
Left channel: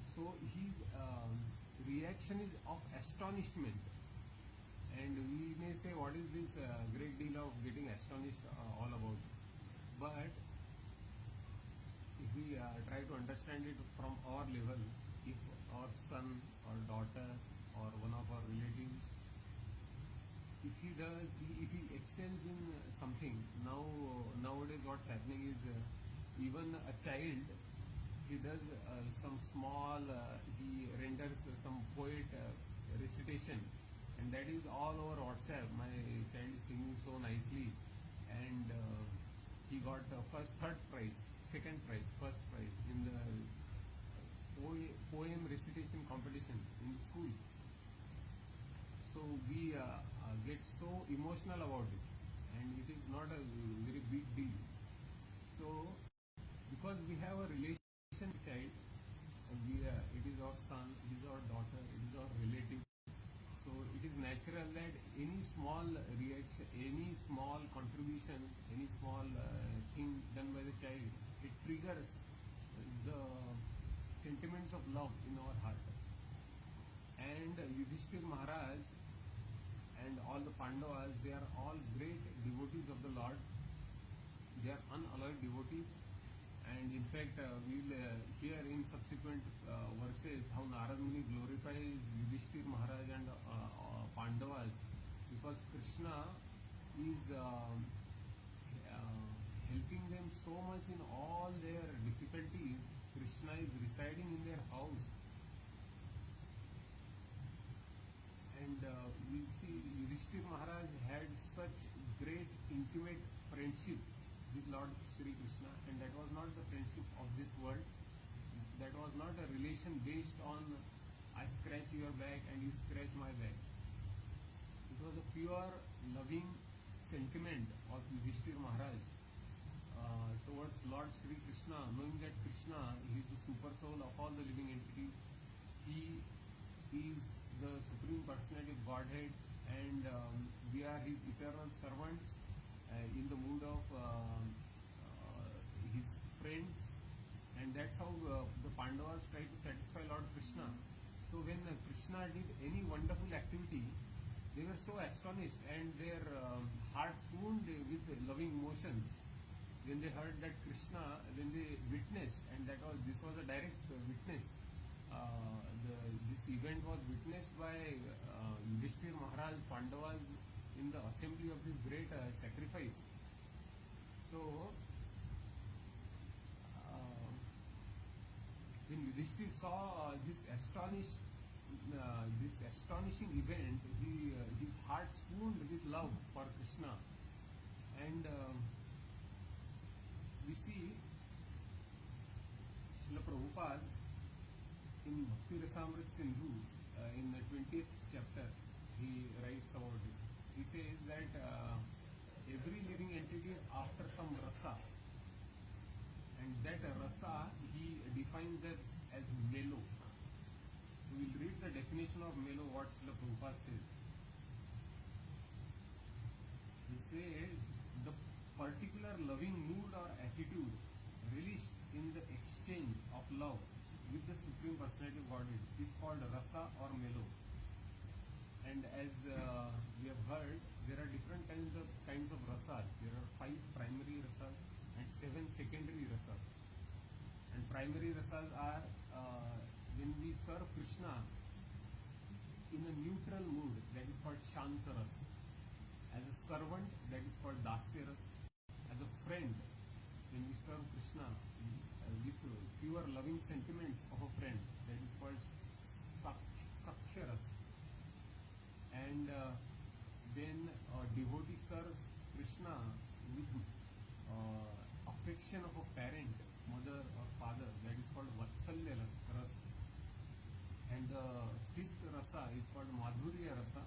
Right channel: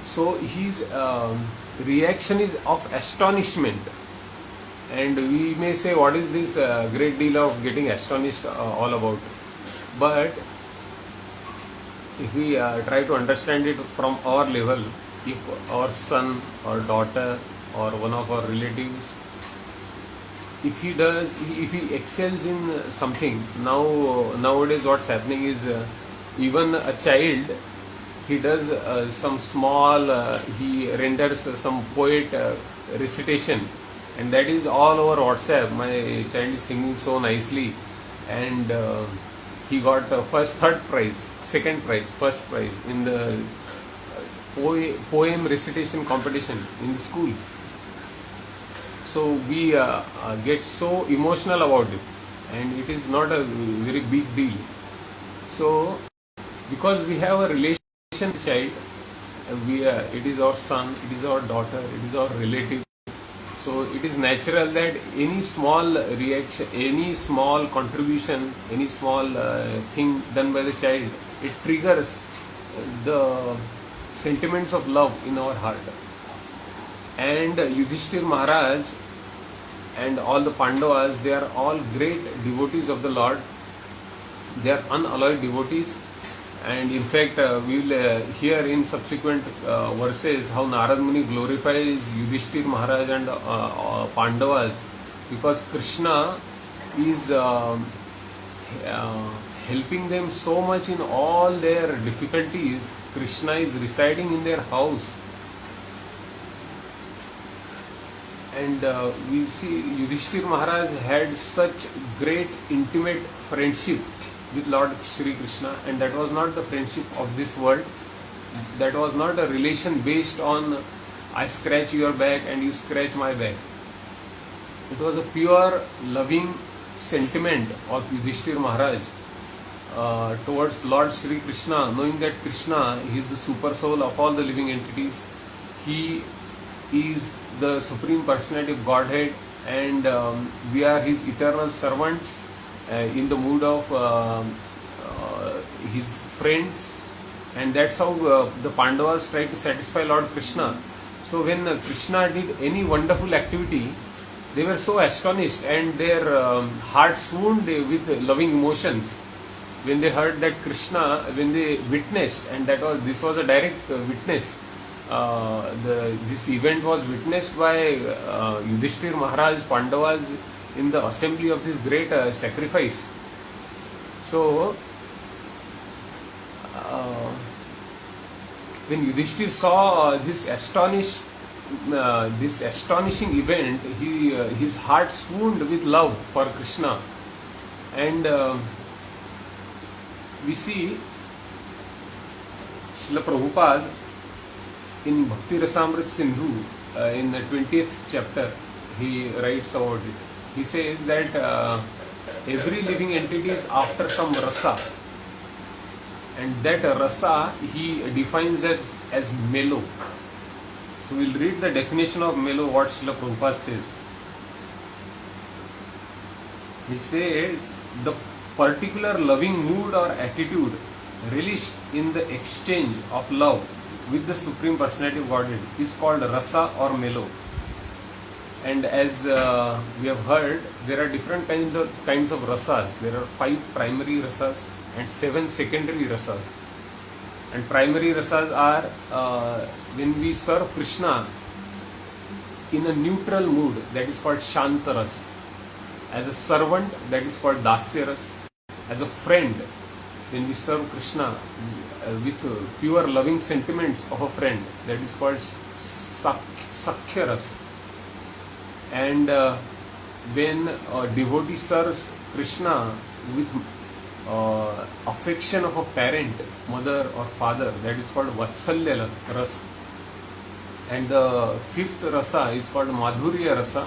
so his reaction is of astonishment. And we may say, what is this great deal of getting astonished all about? But if we try to understand it from our level, if our son or daughter or one of our relatives, if he excels in something, nowadays what's happening is even a child, he does some small, he renders some poet recitation, and that is all over WhatsApp. My child is singing so nicely, and he got third prize, second prize, first prize in the poem recitation competition in the school. So we get so emotional about it, and it is not a very big deal. So because we have a relation with the child, it is our son, it is our daughter, it is our relative. So it is natural that any small reaction, any small contribution, any small thing done by the child, it triggers the sentiments of love in our heart. And Yudhishthir Maharaj and all the Pandavas, they are all great devotees of the Lord. They are unalloyed devotees. And in fact, we will hear in subsequent verses how Narad Muni glorifies Yudhishthir Maharaj and Pandavas, because Krishna is helping them so much in all their difficulties. Krishna is residing in their house. And we see Yudhishthir Maharaj had such great intimate friendship with Lord Shri Krishna, and that was not the friendship of this world. That was not a relation based on I scratch your back and you scratch my back. It was a pure loving sentiment of Yudhishthir Maharaj towards Lord Shri Krishna, knowing that Krishna, he is the super soul of all the living entities. He is the Supreme Personality of Godhead, and we are his eternal servants in the mood of his friends. And that's how the Pandavas try to satisfy Lord Krishna. So when Krishna did any wonderful activity, they were so astonished, and their hearts swooned with loving emotions when they heard that Krishna, when they witnessed, and this was a direct witness. This event was witnessed by Yudhishthir Maharaj, Pandavas in the assembly of this great sacrifice. So when Yudhishthir saw this astonishing event, his heart swooned with love for Krishna, and we see Srila Prabhupada in Bhakti Rasamrit Sindhu in the 20th chapter. He writes about it. He says that every living entity is after some rasa, and that rasa he defines as mellow. So we'll read the definition of mellow, what Srila Prabhupada says. He says, the particular loving mood or attitude relished in the exchange of love with the Supreme Personality of Godhead is called rasa or mellow. And as we have heard, there are different kinds of rasas. There are 5 primary rasas and 7 secondary rasas. And primary rasas are when we serve Krishna in a neutral mood, that is called Shantaras. As a servant, that is called Dasyaras. As a friend, when we serve Krishna with pure loving sentiments of a friend, that is called Sakhyaras. And when a devotee serves Krishna with affection of a parent, mother or father, that is called Vatsalya Ras. And the 5th rasa is called Madhurya Rasa,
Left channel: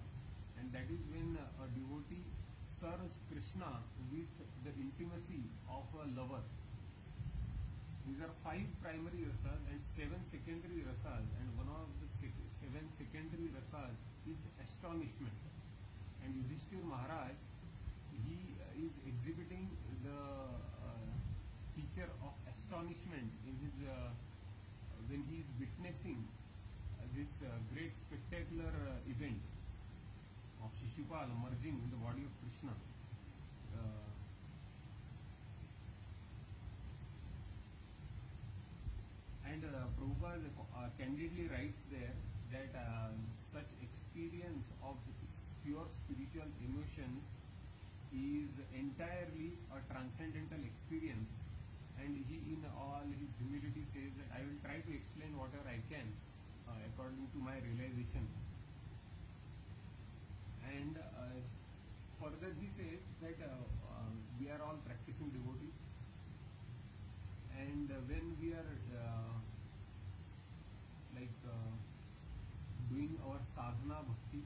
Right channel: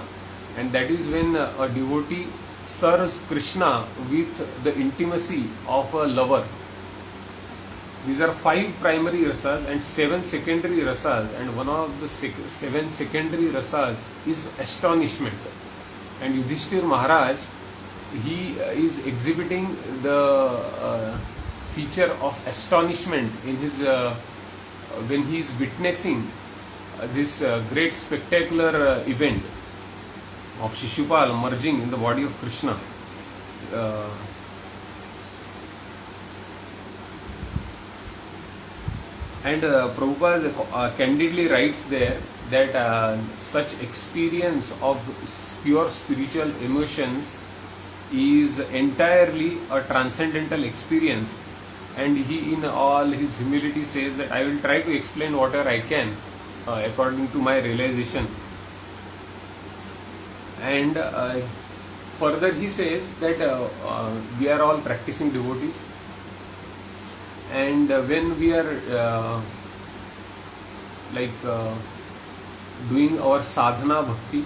and that is when a devotee serves Krishna with the intimacy of a lover. These are 5 primary rasas and 7 secondary rasas, and one of the 7 secondary rasas is astonishment. And Yudhishthir Maharaj, he is exhibiting the feature of astonishment in his when he is witnessing this great spectacular event of Shishupal merging in the body of Krishna. And Prabhupada candidly writes there that such experience of pure spiritual emotions is entirely a transcendental experience, and he in all his humility says that I will try to explain whatever I can according to my realization. And further he says that we are all practicing devotees, and when we are doing our sadhana bhakti,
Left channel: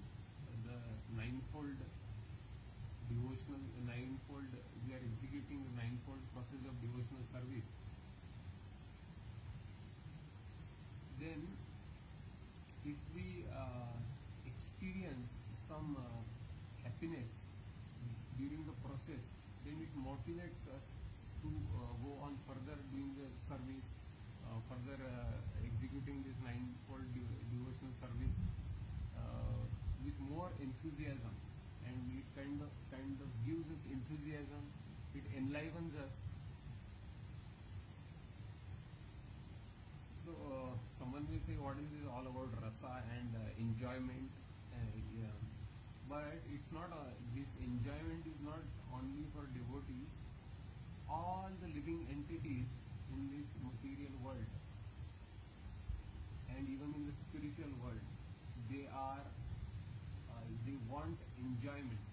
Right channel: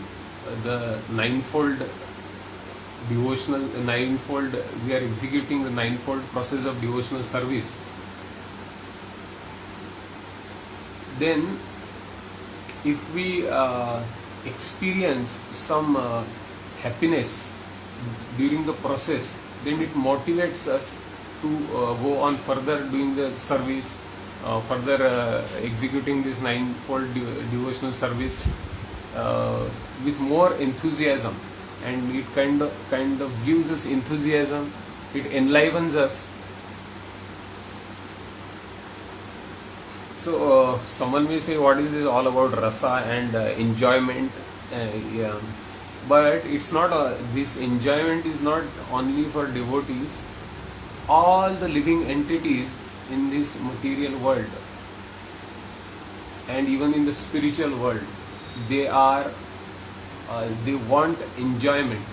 the ninefold devotional, we are executing the ninefold process of devotional service, then if we experience some happiness during the process, then it motivates us to go on further doing the service, further executing this ninefold devotional service with more enthusiasm, and it kind of gives us enthusiasm, it enlivens us. So someone may say, what is this all about rasa and enjoyment? Yeah. But it's not this enjoyment is not only for devotees. All the living entities in this material world and even in the spiritual world, they want enjoyment,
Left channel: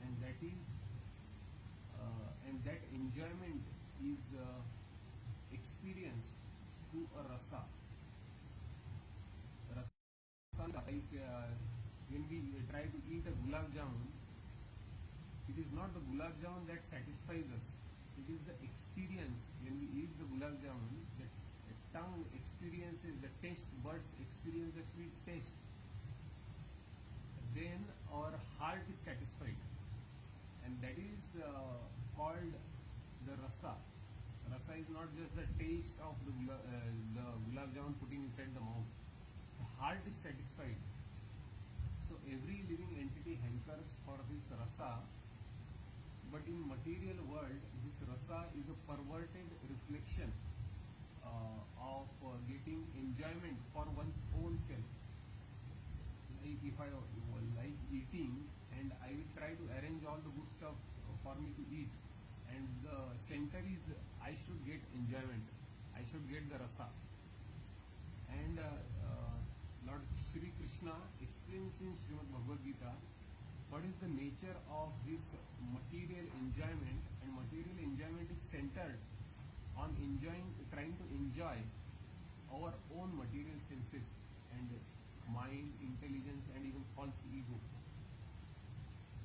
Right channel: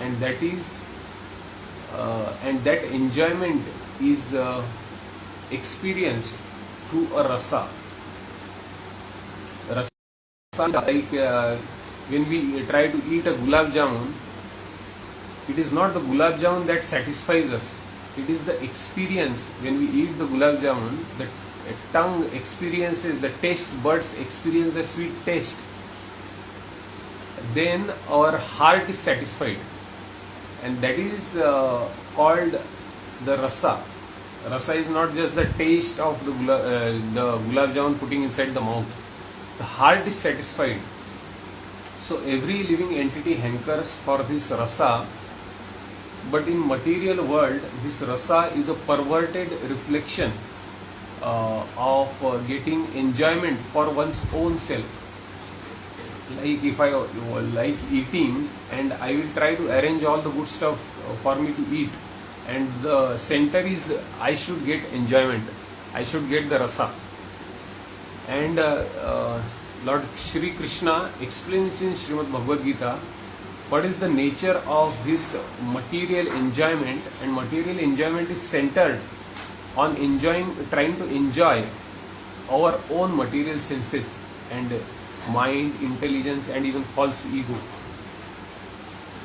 and that enjoyment is experienced through a rasa. When we try to eat a gulab jamun, it is not the gulab jamun that satisfies us. It is the experience. When we eat the gulab jamun, the tongue experiences, the taste buds experience the sweet taste. Then our heart is satisfied, and that is called the rasa. Rasa is not just the taste of the gulab jamun putting inside the mouth. The heart is satisfied. So every living entity hankers for this rasa, but in material world, this rasa is a perverted reflection of getting enjoyment for one's own self. Like if I like eating, and I will try to arrange all the good stuff for me to eat, and the center is I should get enjoyment, I should get the rasa. And Lord Shri Krishna explains in Srimad Bhagavad Gita what is the nature of this material enjoyment, and material enjoyment is centered on trying to enjoy our own material senses and mind, intelligence, and even false ego.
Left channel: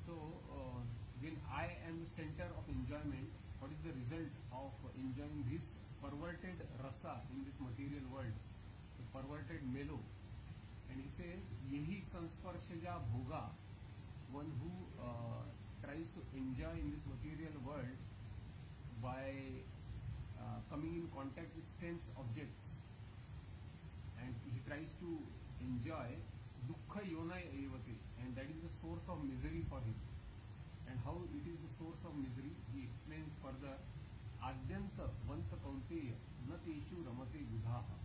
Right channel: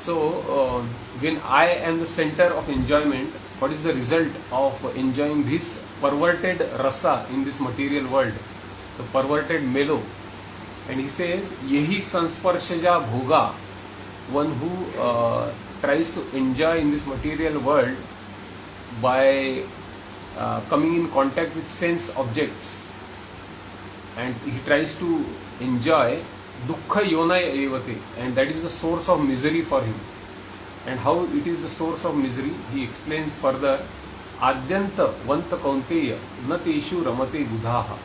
So, when I am the center of enjoyment, what is the result of enjoying this perverted rasa in this material world, the perverted mellow? And he says, Yehi sansparshaja bhoga, one who tries to enjoy in this material world by coming in contact with sense objects, and he tries to enjoy dukkha yonaya evate, and that is the source of misery for him. And how it is the source of misery, he explains further. Adyanta vanta kaunteya na teshu ramate buddhaha.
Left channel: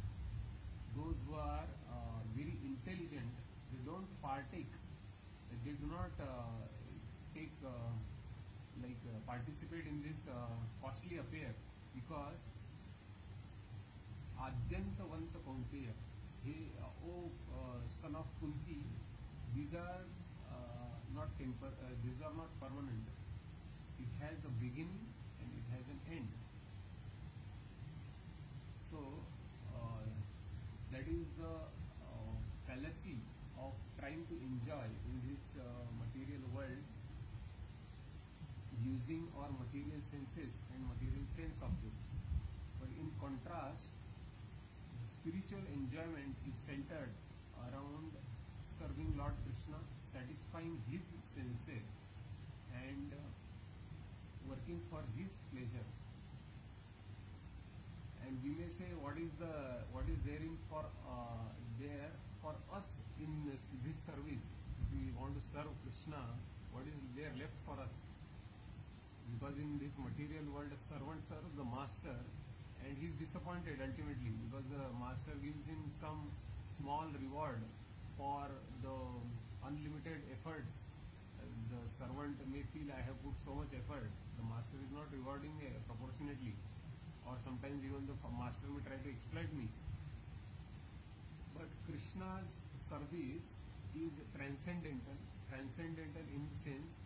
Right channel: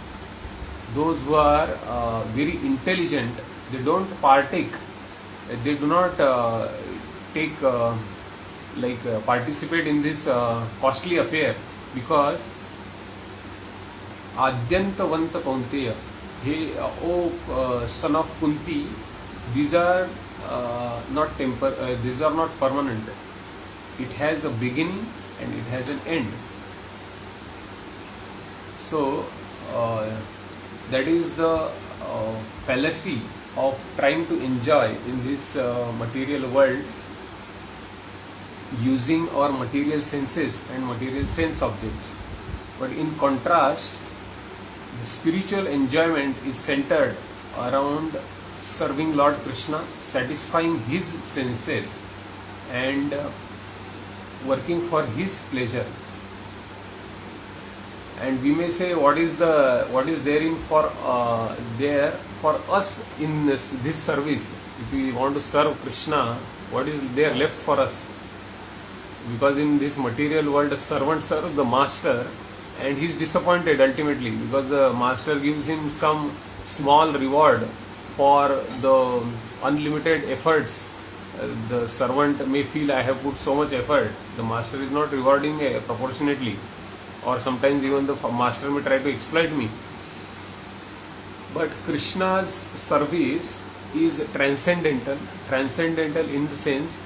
Those who are very intelligent, they don't partake, they do not participate in this costly affair, because Adyantavanta Kaunteya, O son of Kunti, these are these are not permanent. It has a beginning and it has an end. So that is the fallacy of trying to enjoy in this material world using our material senses and material sense objects. But in contrast, the spiritual enjoyment is centered around serving Lord Krishna, satisfying his senses and working for his pleasure. And we may say, what is therein for us in this service? If we want to serve Krishna, what is there left for us? Because in this material world, a servant serves the master, and he is disappointed ultimately, because the master gives him some small reward for the unlimited efforts. The servant may feel, I have put so much effort. The master is not rewarding proportionately, or sometimes even the master may try to exploit me. But Krishna's service is transcendental in the sense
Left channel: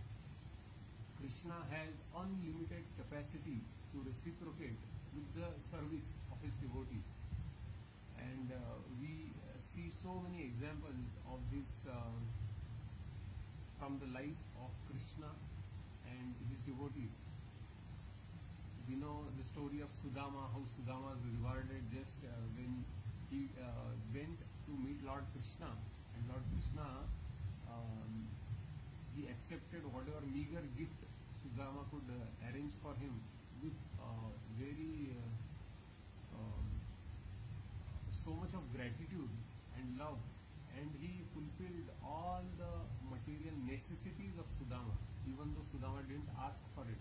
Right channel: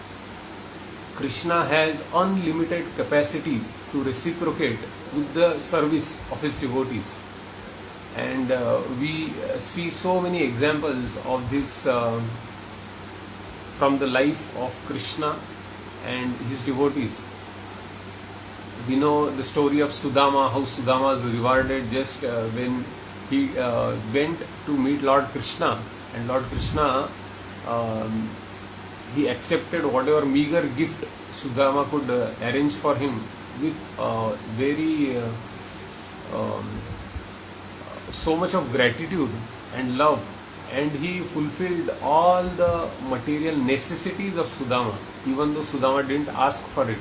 Krishna has unlimited capacity to reciprocate with the service of his devotees. And we see so many examples of this from the life of Krishna and his devotees. We know the story of Sudama, how Sudama was rewarded just when he went to meet Lord Krishna, and Lord Krishna he accepted whatever meager gift Sudama could arrange for him with very so much of gratitude and love, and he fulfilled all the material necessities of Sudama, even though Sudama didn't ask for it.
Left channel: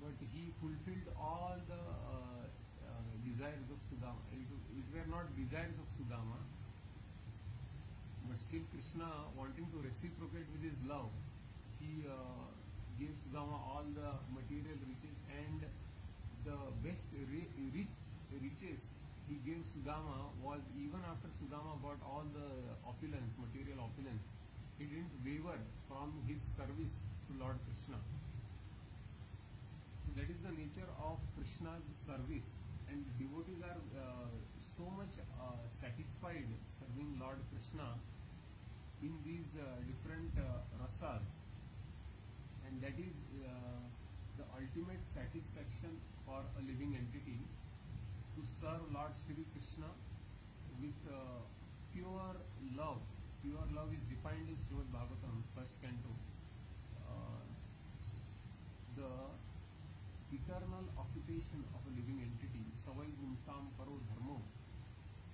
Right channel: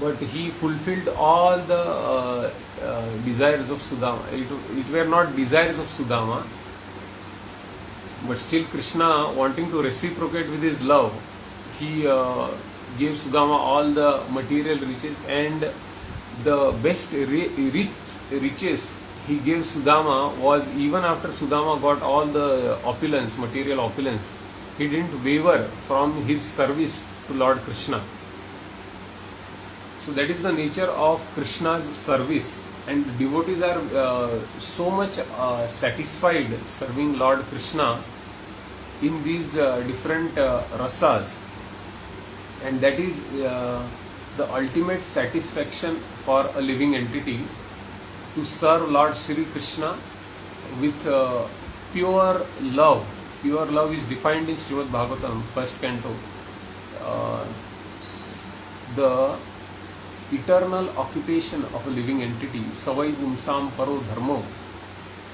But he fulfilled all the desires of Sudama. It were not desires of Sudama, but still Krishna, wanting to reciprocate with his love, he gave Sudama all the material riches, and the best riches he gave Sudama was, even after Sudama got all the opulence, material opulence, he didn't waver from his service to Lord Krishna. So that is the nature of Krishna's service, and devotees are so much satisfied serving Lord Krishna in these different rasas, and that is the ultimate satisfaction for a living entity, to serve Lord Shri Krishna with pure love. Pure love is defined in Srimad Bhagavatam, first canto. The eternal occupation of a living entity, savai pumsam paro dharmo,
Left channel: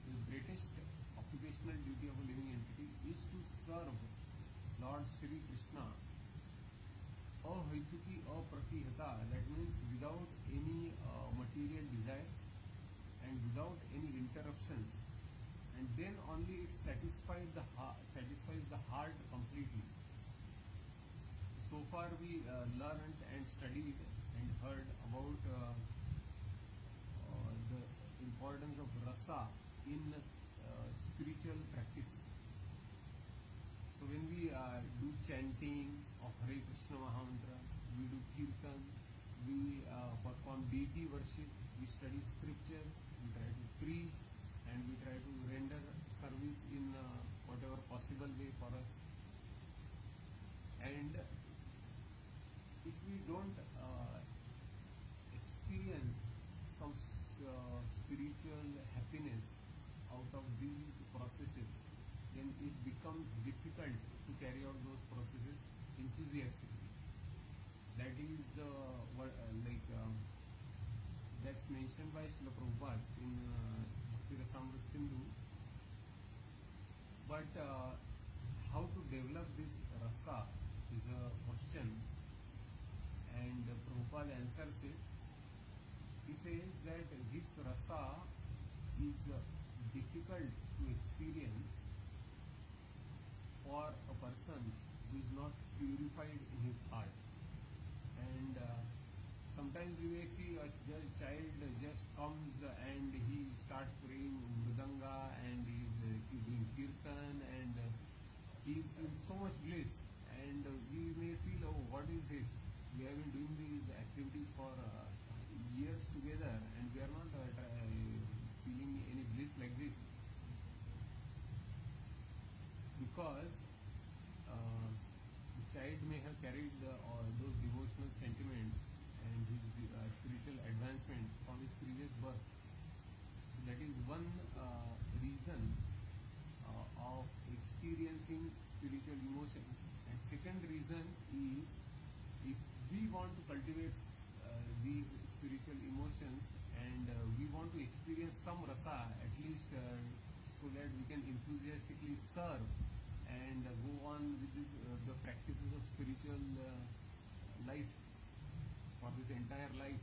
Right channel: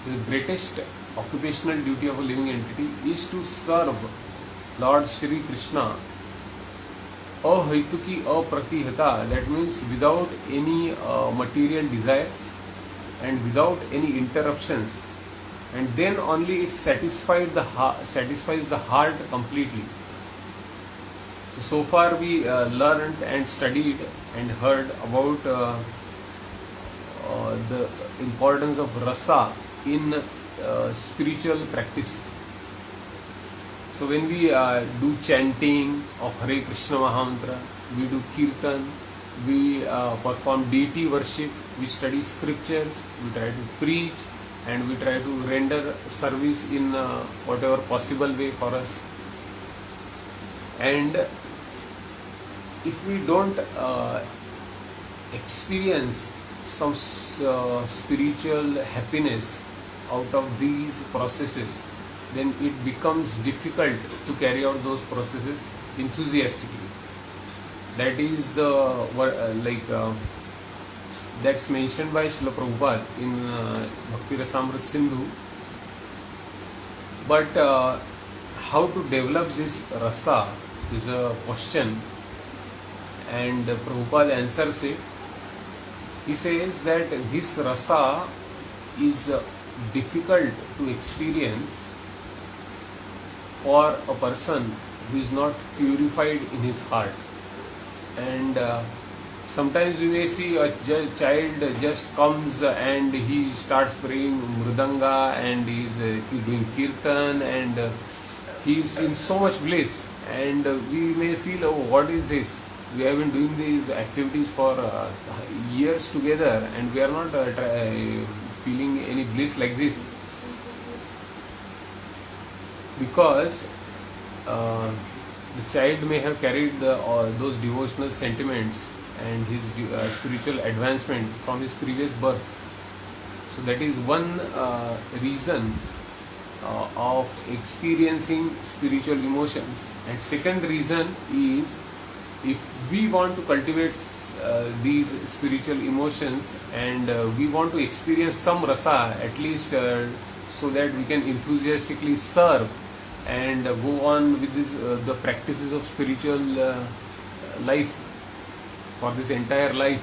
the greatest occupational duty of a living entity is to serve Lord Shri Krishna ahaituki apratihata, that means without any material desires and without any interruptions, and then only it satisfies the heart completely. So far we learned and studied and heard about the importance of rasa in spiritual practice. So when we do chanting of Hare Krishna Mahamantra, we do kirtan, we perform deity worship, we study scriptures, we try to preach, and we try to render service in whatever possible way for us. And if we don't experience some spiritual happiness out of these processes, then it becomes difficult to carry out those processes enthusiastically. That is the that's mentioned by Srila Prabhupada in Bhakti Rasamrita Sindhu. But how to develop this rasa is a question, and Prabhupada answers it. He says that this rasa is difficult to experience for a person who is not purified in his heart. And sometimes we may see a child just comes and he starts playing mridanga and he's doing kirtan and he is in so much bliss, and we may feel, oh, what is this? We have been doing these activities for years together and we are not feeling any bliss like this, because the child may have carried those devotional sentiments and his spiritual advancement from his previous birth. So that is one reason of experiencing spiritual emotions. And second reason is, if we want to cultivate these spiritual emotions and we want to experience some rasa, at least so that we can enthusiastically serve and go on with this, the practices of spiritual life for this entire life,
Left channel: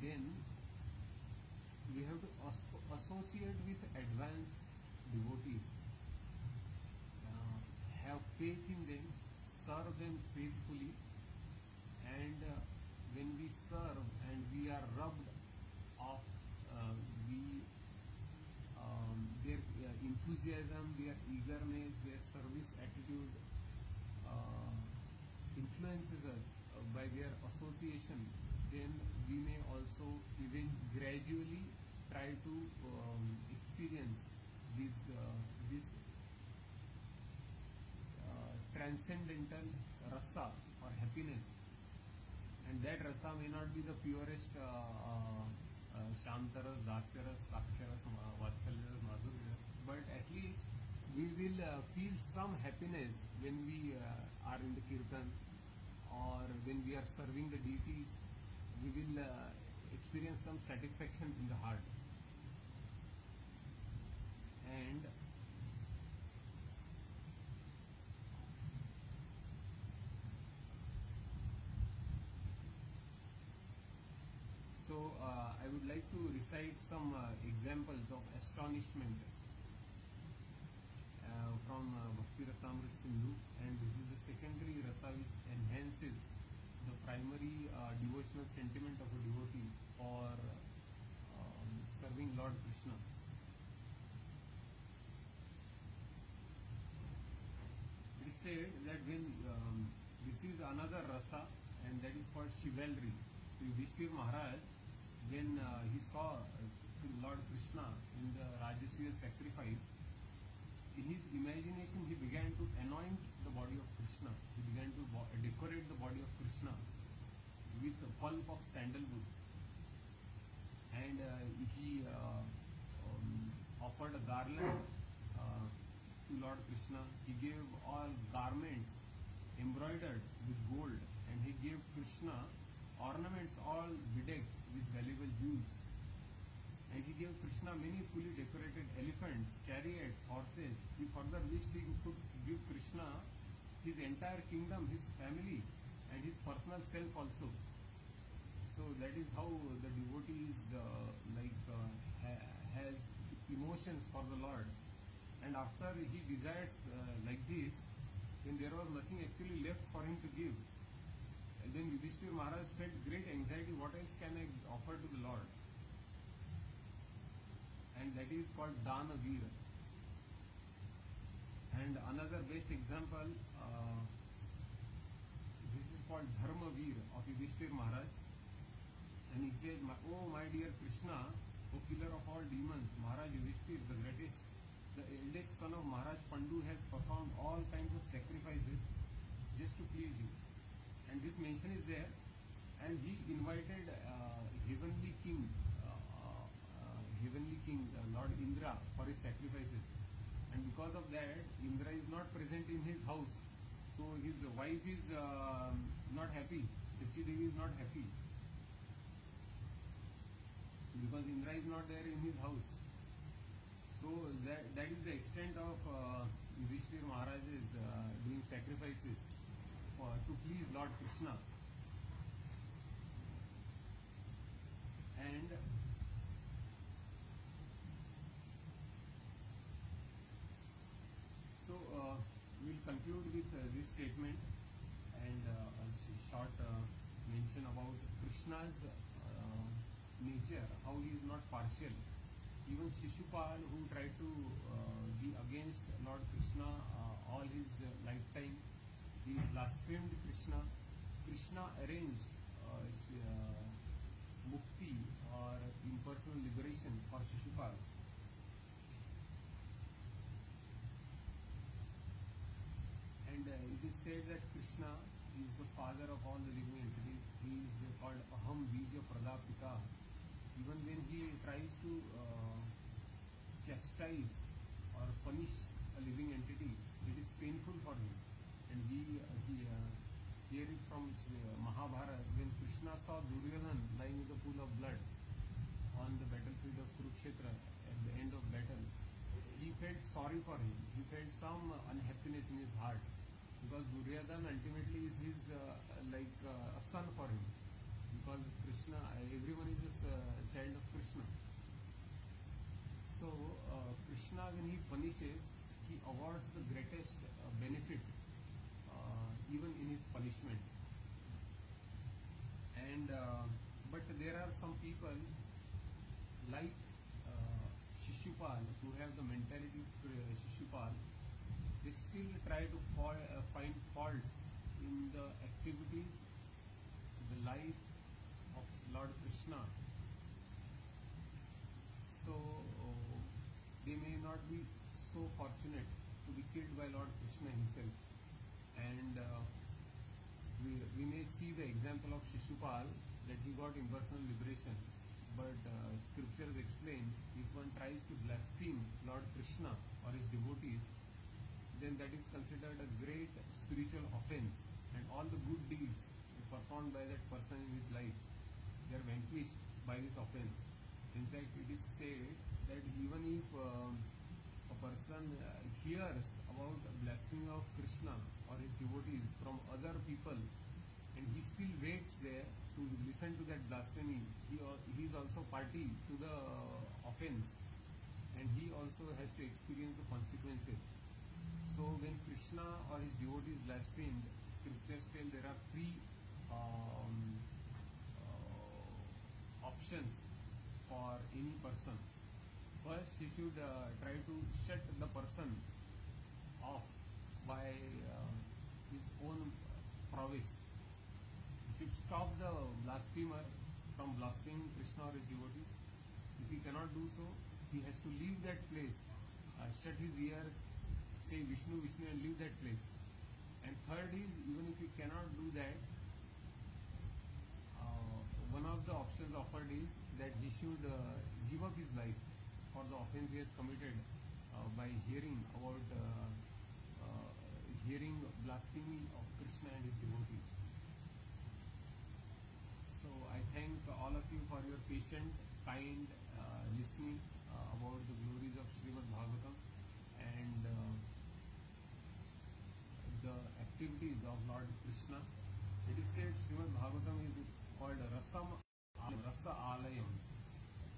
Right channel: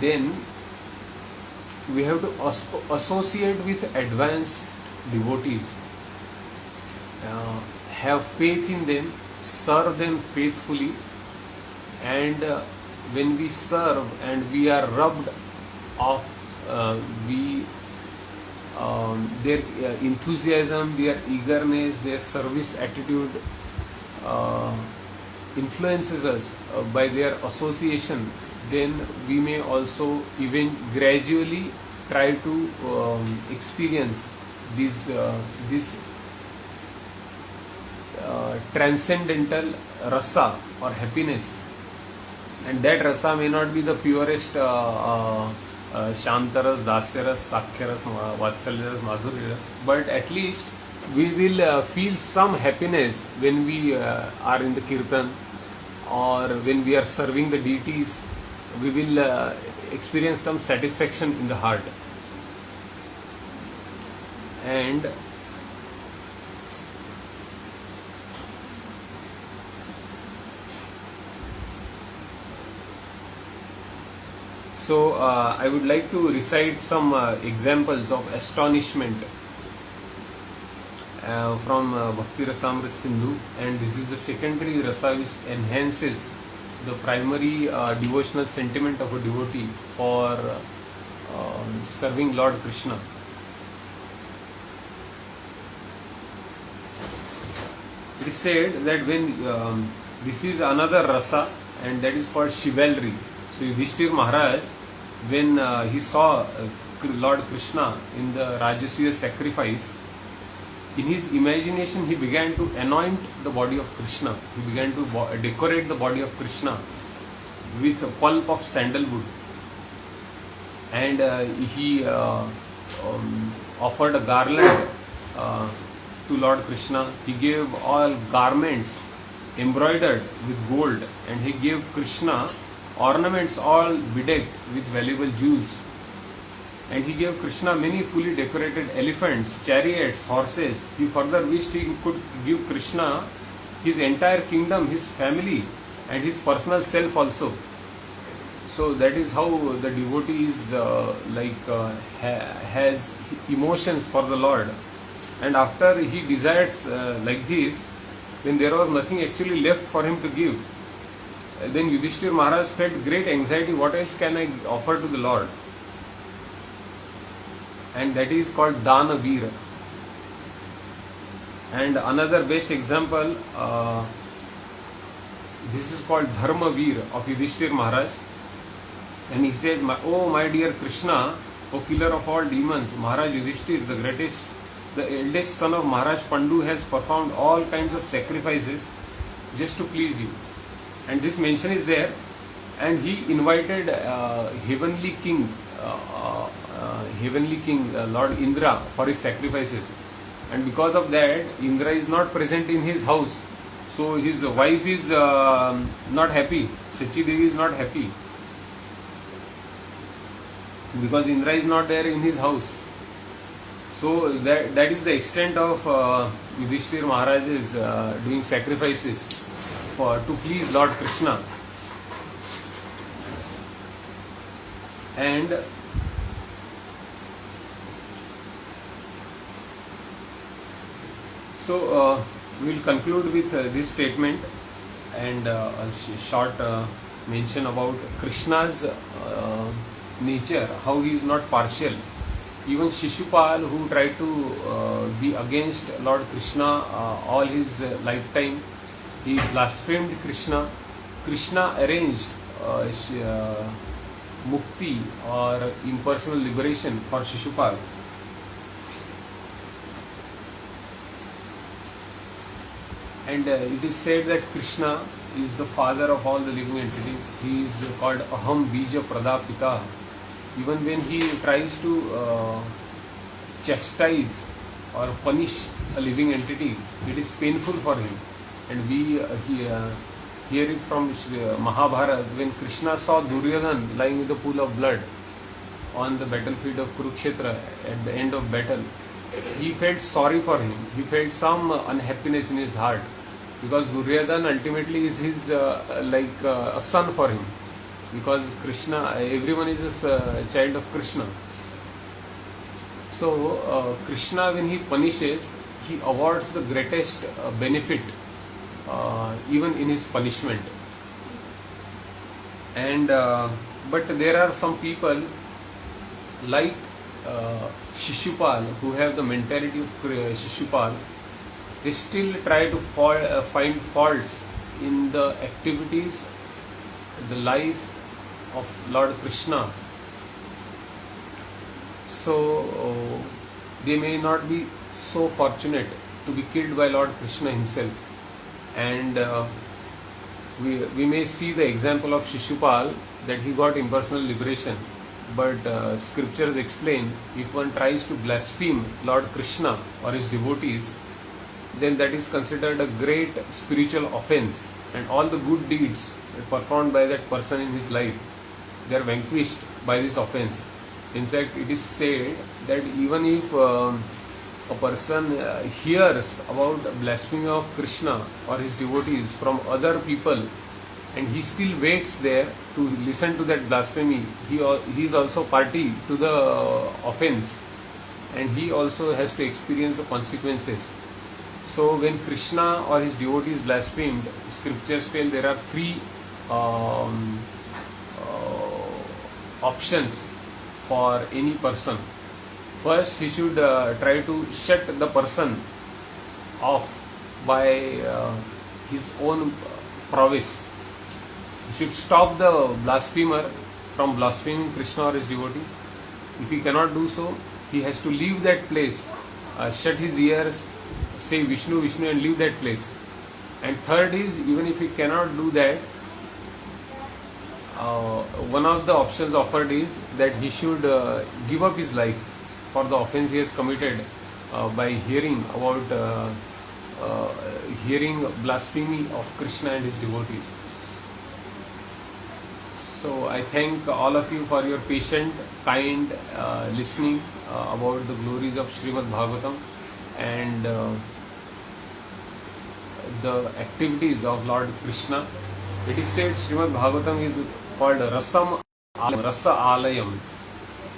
then we have to associate with advanced devotees, have faith in them, serve them faithfully, and when we serve and we are rubbed off their enthusiasm, their eagerness, their service attitude influences us by their association, then we may also even gradually try to experience this transcendental rasa or happiness. And that rasa may not be the purest Shantaras, Dasyaras, Sakhyaras, Vatsalyaras, Madhuryaras, but at least we will feel some happiness when we are in the kirtan or when we are serving the deities. We will experience some satisfaction in the heart. And so I would like to recite some examples of astonishment from Bhakti Rasamrita Sindhu, and this is the secondary rasa which enhances the primary devotional sentiment of a devotee for serving Lord Krishna. It is said that when this is another rasa, and that is called chivalry. So Yudhishthir Maharaj, when he saw Lord Krishna in the Rajasuya sacrifice, in his imagination he began to anoint the body of Krishna. He began to decorate the body of Krishna with a pulp of sandalwood, and he offered a garland to Lord Krishna. He gave all garments embroidered with gold, and he gave Krishna ornaments all bedecked with valuable jewels. And he gave Krishna many fully decorated elephants, chariots, horses. He further wished he could give Krishna his entire kingdom, his family, and his personal self also. So that is how the devotee is has emotions for the Lord. And after he desires like this, when there was nothing actually left for him to give, then Yudhishthir Maharaj felt great anxiety. What else can I offer to the Lord? and that is called Danavira. And another best example, this is called Dharmavir of Yudhishthir Maharaj, and he says, "Oh my dear Krishna, O killer of all demons, Maharaj Yudhishthir, the greatest, the eldest son of Maharaj Pandu, has performed all kinds of sacrifices just to please you." And this mention is there, and he invited heavenly king Lord Indra for his sacrifices, and because of that Indra is not present in his house, so his wife is not happy. Sachi Devi is not happy because Indra is not there in his house. So that is the extent of Yudhishthir Maharaj is doing sacrifices to please Lord Krishna. And so we will conclude with this statement and a short mention about Krishna's nature, how he is not partial. Even Shishupal, who tried to be against Lord Krishna all his lifetime, he blasphemed Krishna. Krishna arranged mukti or impersonal liberation for Shishupal. And it is said that Krishna is the father of all the living entities. He is called Aham Bija Pradapita. Even when he tries to chastise or punish a living entity, it is painful for him. And we hear it from Mahabharata, when Krishna saw Duryodhana lying in the pool of blood on the battlefield of Kurukshetra at the end of battle. He felt sorry for him. He felt some unhappiness in his heart, because Duryodhana ultimately is his like a son for him, because Krishna, everyone is a child of Krishna. So Krishna, when he punishes, he awards the greatest benefit even in his punishment. And but there are some people like Shishupal who have the mentality of Shishupal. They still try to find faults in the activities, the life of Lord Krishna. So they may not be so fortunate to be killed by Lord Krishna himself. And we may see the example of Shishupal, that he got impersonal liberation. But scriptures explain, if one tries to blaspheme Lord Krishna or his devotees, then that is considered a great spiritual offense, and all the good deeds performed by that person in his life, they are vanquished by this offense. In fact, it is said that even if a person hears about blasphemy of Krishna or his devotees from other people, and he still waits there to listen to that blasphemy, he is also party to the offense, and he also has to experience the consequences. So when Krishna or his devotees blasphemed, scriptures tell there are three options for any person. First, he should try to shut the person off by his own prowess. He should stop the blasphemer from blaspheming Krishna or his devotees. If he cannot do so, he has to leave that place, shut his ears, say Vishnu, Vishnu, and leave that place. And third is, even if he cannot do that, one of the options offered is that he should give up his life for the offense he has committed by hearing about hearing blasphemy of Krishna and his devotees. So I thank all of you for your patient, kind listening about the glories of Srimad Bhagavatam and the activities of Lord Krishna. It is said Srimad Bhagavatam is called Rasa Alayam.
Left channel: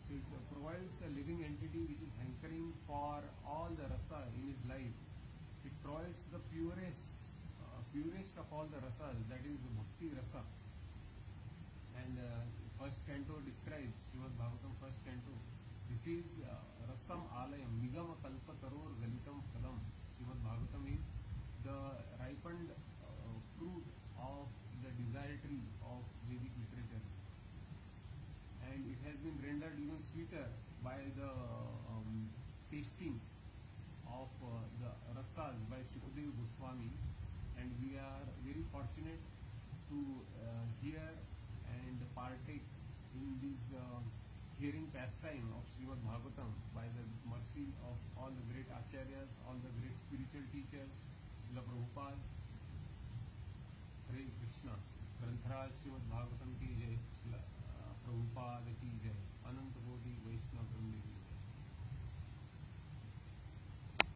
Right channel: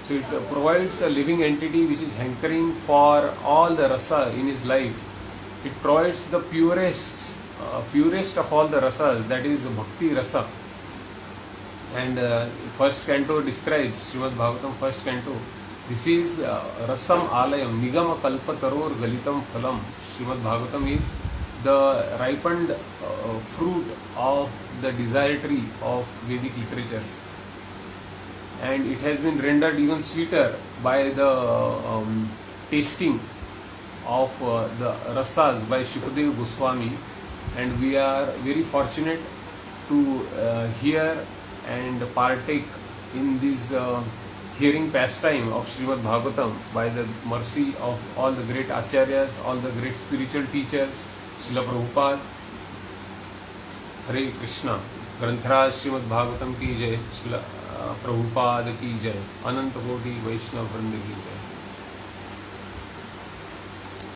So it provides a living entity which is hankering for all the rasa in his life. It provides the purest of all the rasas, that is Bhakti Rasa. And first canto describes, Srimad Bhagavatam first canto This is Rasam Alayam Nigama Kalpataror Galitam Phalam. Srimad Bhagavatam is the ripened fruit of the desire tree of Vedic literatures, and it has been rendered even sweeter by the tasting of the rasas by Shukadeva Goswami, and we are very fortunate to hear and partake in this hearing pastime of Srimad Bhagavatam by the mercy of all the great acharyas, all the great spiritual teachers, Srila Prabhupada. Hare Krishna. ग्रंथराज Shrimad Bhagavatam की जय, श्रील प्रभुपाद की जय, अनंत कोटि वैष्णव वृंद की जय।